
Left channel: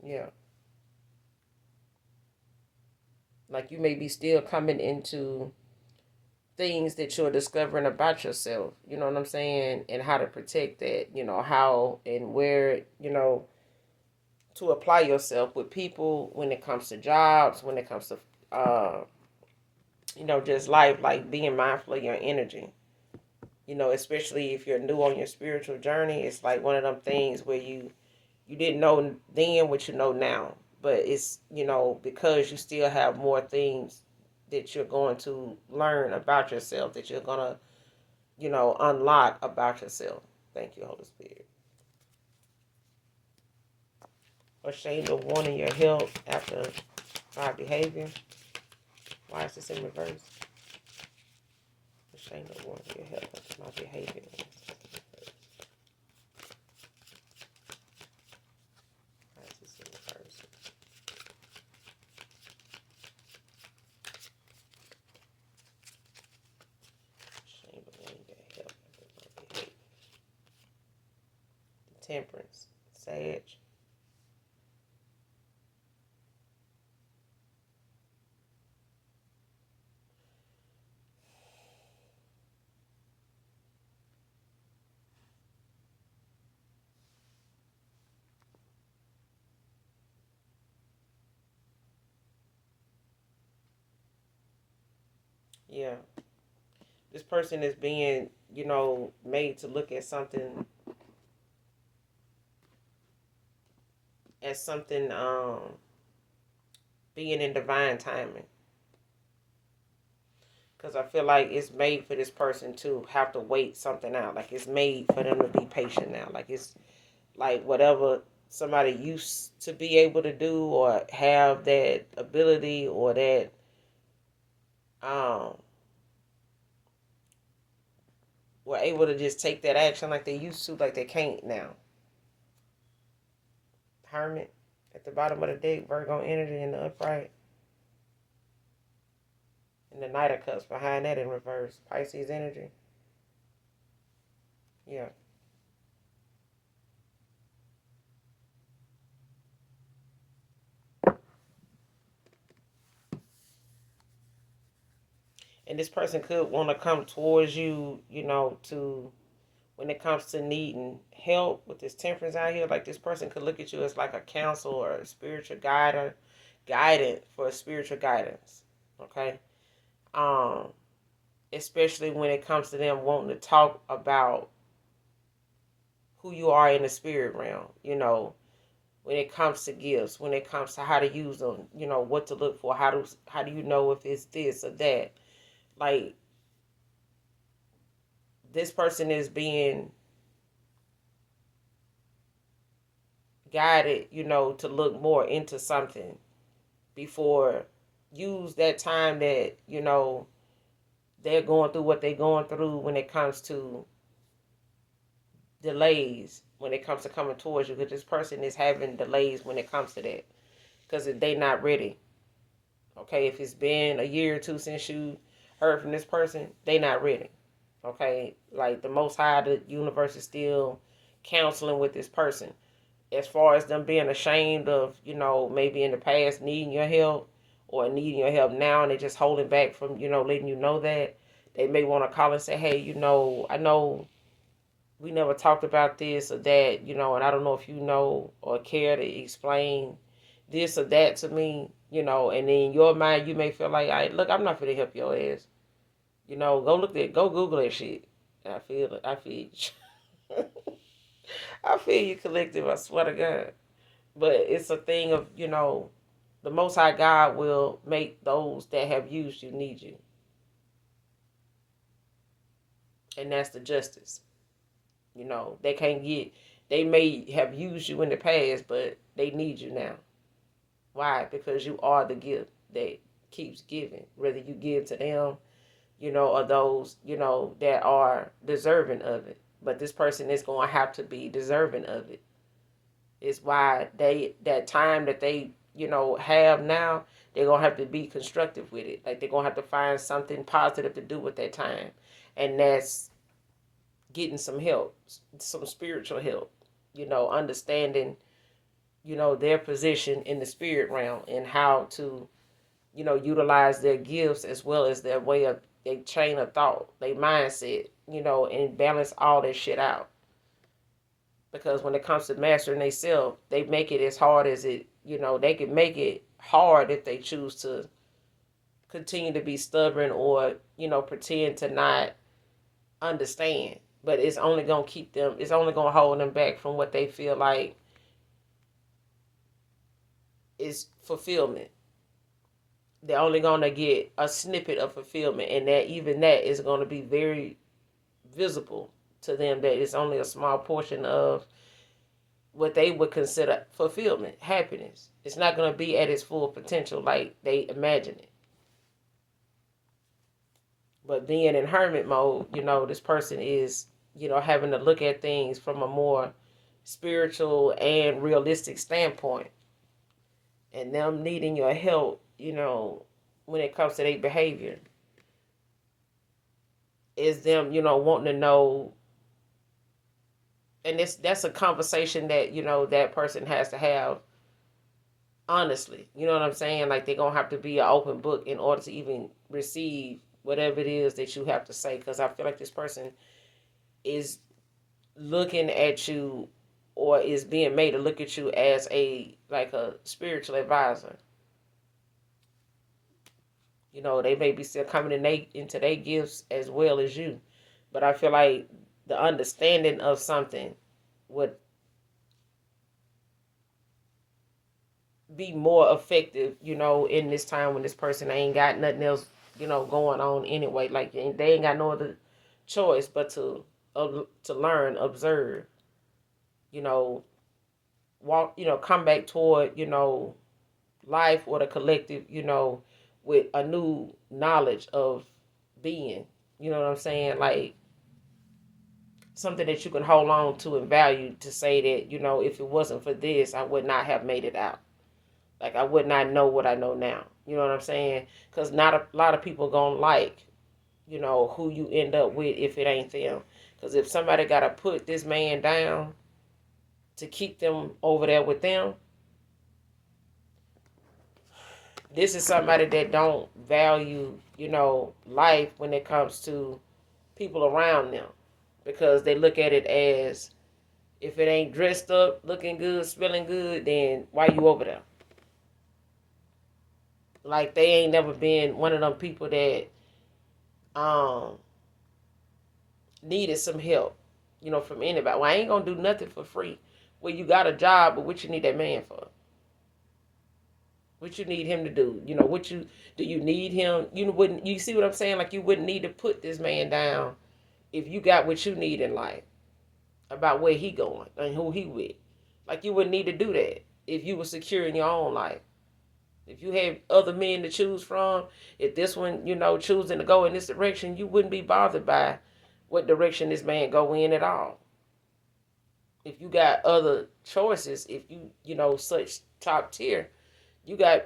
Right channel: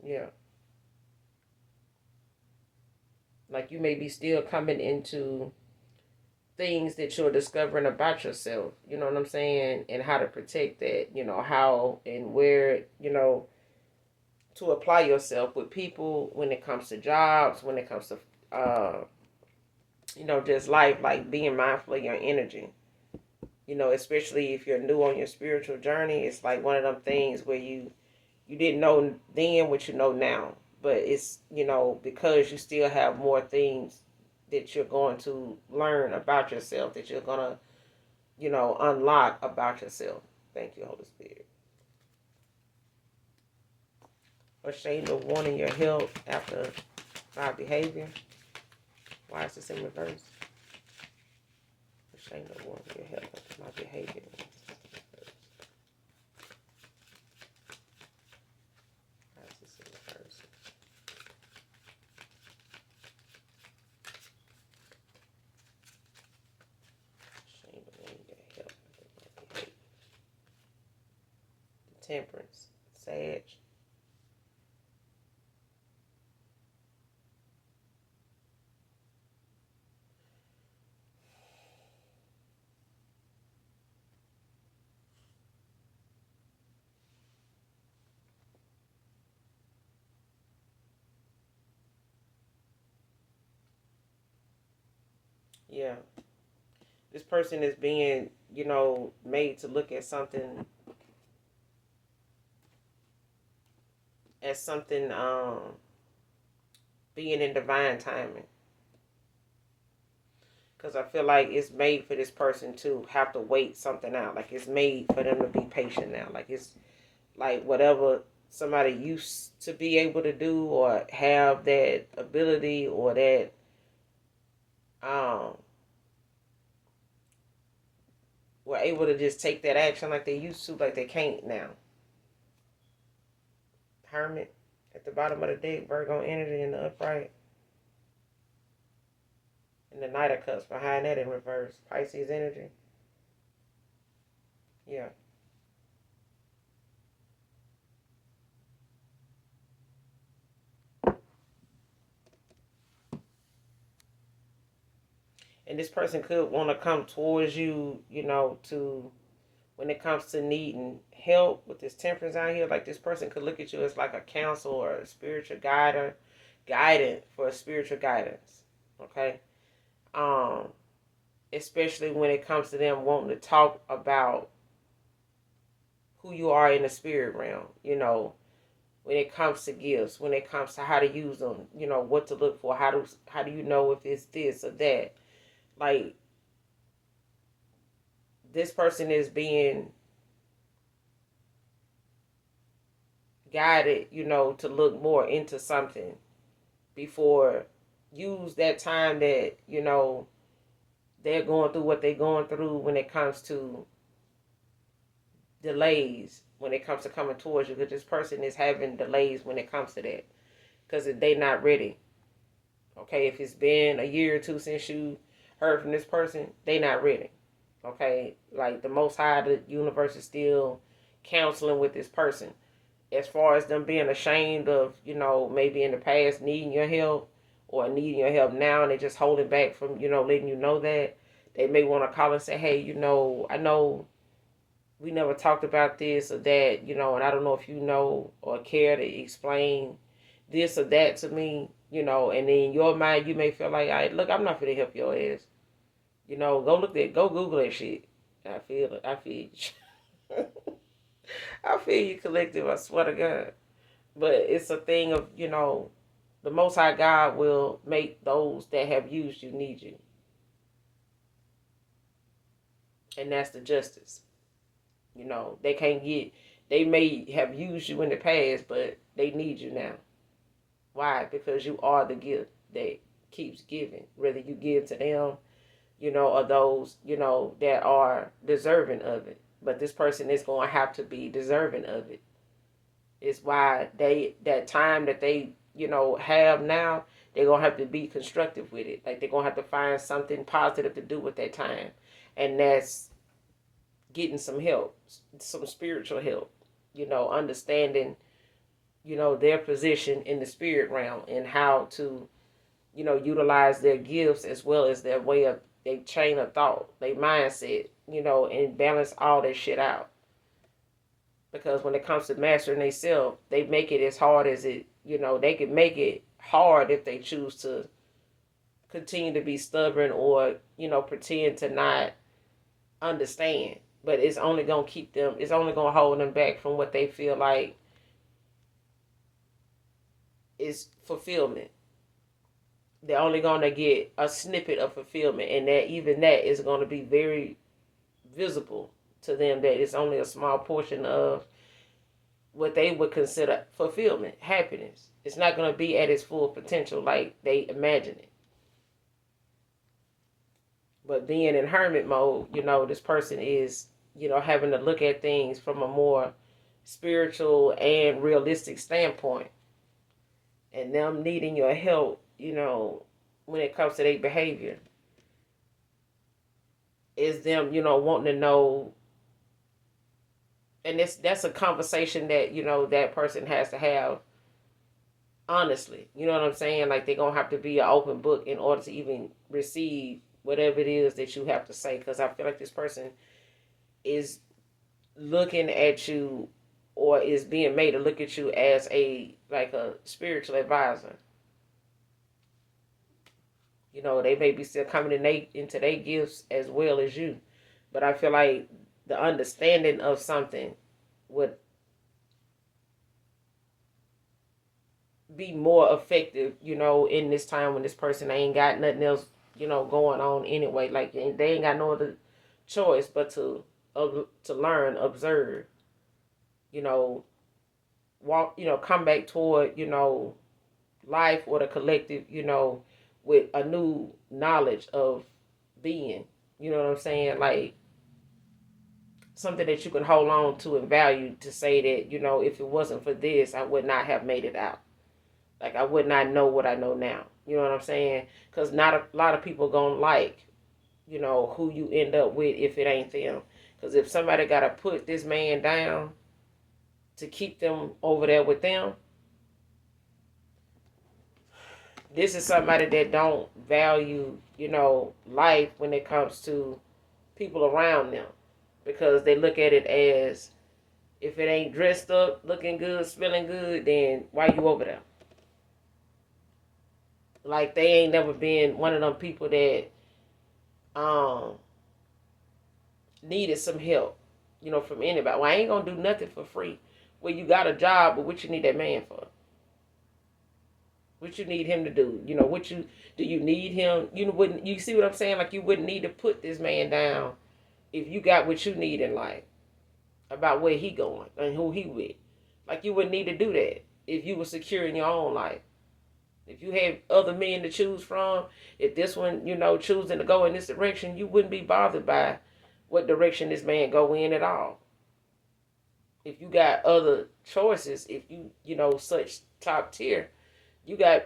Yeah. Like, you may be still coming into things that you're discovering about yourself, you know what I'm saying? And how to protect that, how and where, to apply yourself with people when it comes to jobs, when it comes to, just life, like being mindful of your energy. Especially if you're new on your spiritual journey, it's like one of them things where you didn't know then what you know now. But it's, because you still have more things that you're going to learn about yourself, that you're going to, unlock about yourself. Thank you, Holy Spirit. Ashamed of wanting your help after my behavior. Why is this in reverse? Ashamed of wanting your help after my behavior. Why is this in reverse? Ashamed of wanting your help after my behavior. Temperance. Sage. Yeah. This person is being, made to look at something as something being in divine timing. Because I feel like it's made for this person to have to wait something out. Like, it's made for them to be patient now. Like, it's like whatever somebody used to be able to do or have that ability or that um were able to just take that action like they used to, like they can't now. Hermit at the bottom of the deck, Virgo energy in the upright, and the Knight of Cups behind that in reverse, Pisces energy. Yeah. And this person could want to come towards you, to when it comes to needing help with this temperance out here. Like, this person could look at you as like a counsel or a spiritual guide or guidance for a spiritual guidance. Okay. Um, Especially when it comes to them wanting to talk about who you are in the spirit realm, when it comes to gifts, when it comes to how to use them, what to look for, how do you know if it's this or that. Like, this person is being guided, to look more into something before use that time that, they're going through what they're going through when it comes to delays, when it comes to coming towards you, because this person is having delays when it comes to that because they're not ready. Okay, if it's been a year or two since you heard from this person, they not ready. Okay, like, the Most High, the universe is still counseling with this person. As far as them being ashamed of, maybe in the past needing your help or needing your help now, and they just holding back from, letting you know that, they may want to call and say, hey, I know we never talked about this or that, and I don't know if you know or care to explain this or that to me, and in your mind you may feel like, look, I'm not gonna help your ass. Go Google that shit. I feel it. I feel you. I feel you, collective. I swear to God. But it's a thing of, the Most High God will make those that have used you need you. And that's the justice. You know, they can't get, they may have used you in the past, but they need you now. Why? Because you are the gift that keeps giving. Whether you give to them, or those, that are deserving of it. But this person is going to have to be deserving of it. It's why that time that they, have now, they're going to have to be constructive with it. Like they're going to have to find something positive to do with that time. And that's getting some help, some spiritual help, understanding, their position in the spirit realm and how to, utilize their gifts as well as their way of their chain of thought, their mindset, and balance all that shit out. Because when it comes to mastering themselves, they make it as hard as it, they can make it hard if they choose to continue to be stubborn or, pretend to not understand. But it's only going to keep them, it's only going to hold them back from what they feel like is fulfillment. They're only going to get a snippet of fulfillment, and that even that is going to be very visible to them, that it's only a small portion of what they would consider fulfillment, happiness. It's not going to be at its full potential like they imagine it. But being in hermit mode, this person is, having to look at things from a more spiritual and realistic standpoint. And them needing your help, when it comes to their behavior, is them, wanting to know. And that's a conversation that, that person has to have honestly. You know what I'm saying? Like they're going to have to be an open book in order to even receive whatever it is that you have to say. Because I feel like this person is looking at you, or is being made to look at you as a spiritual advisor. They may be still coming into their gifts as well as you. But I feel like the understanding of something would be more effective, in this time when this person ain't got nothing else, going on anyway. Like they ain't got no other choice but to learn, observe, walk, come back toward, life or the collective, with a new knowledge of being. You know what I'm saying? Like something that you can hold on to and value, to say that, if it wasn't for this, I would not have made it out. Like I would not know what I know now. You know what I'm saying? Because not a lot of people gonna like, who you end up with if it ain't them. Because if somebody gotta put this man down to keep them over there with them, this is somebody that don't value, life when it comes to people around them. Because they look at it as, if it ain't dressed up, looking good, smelling good, then why you over there? Like they ain't never been one of them people that needed some help, from anybody. Well, I ain't gonna do nothing for free. Well, you got a job, but what you need that man for? What you need him to do? What you do? You need him? You wouldn't. You see what I'm saying? Like you wouldn't need to put this man down if you got what you need in life, about where he going and who he with. Like you wouldn't need to do that if you were secure in your own life. If you had other men to choose from, if this one, choosing to go in this direction, you wouldn't be bothered by what direction this man go in at all. If you got other choices, if you, such top tier, you got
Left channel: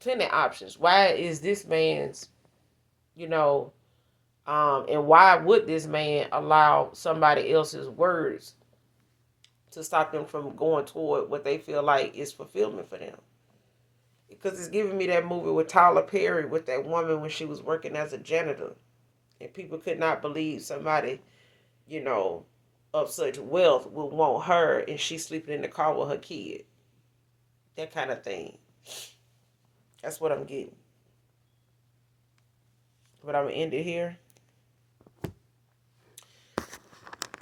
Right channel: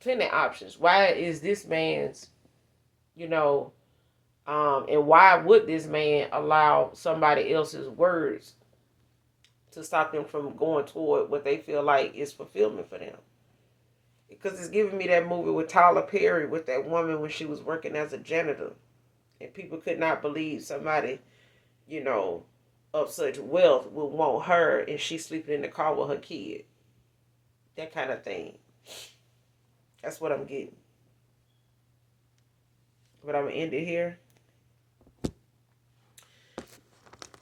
plenty of options. Why is this man's, and why would this man allow somebody else's words to stop them from going toward what they feel like is fulfillment for them? Because it's giving me that movie with Tyler Perry with that woman when she was working as a janitor. And people could not believe somebody, you know, of such wealth would want her and she's sleeping in the car with her kid. That kind of thing. That's what I'm getting. But I'm going to end it here.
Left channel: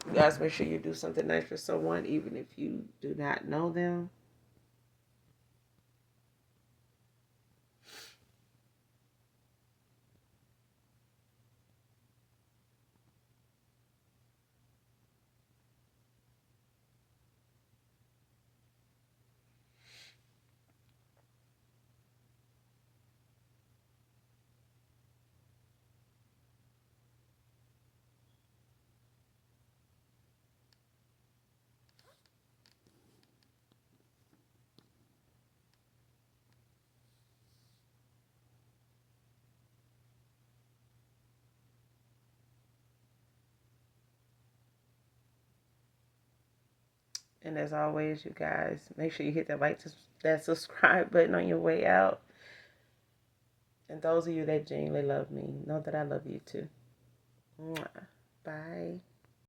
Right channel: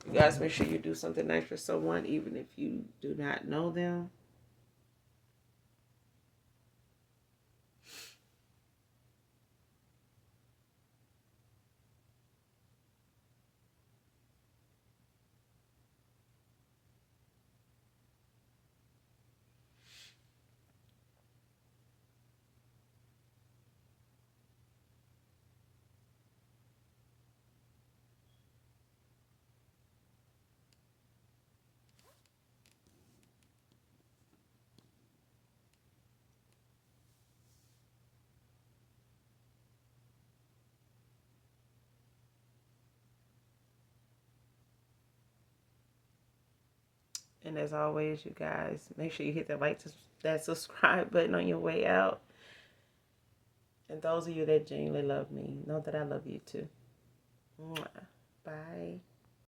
You guys make sure you do something nice for someone, even if you do not know them. And as always, you guys, make sure you hit that subscribe button on your way out. And those of you that genuinely love me, know that I love you too. Mwah. Bye.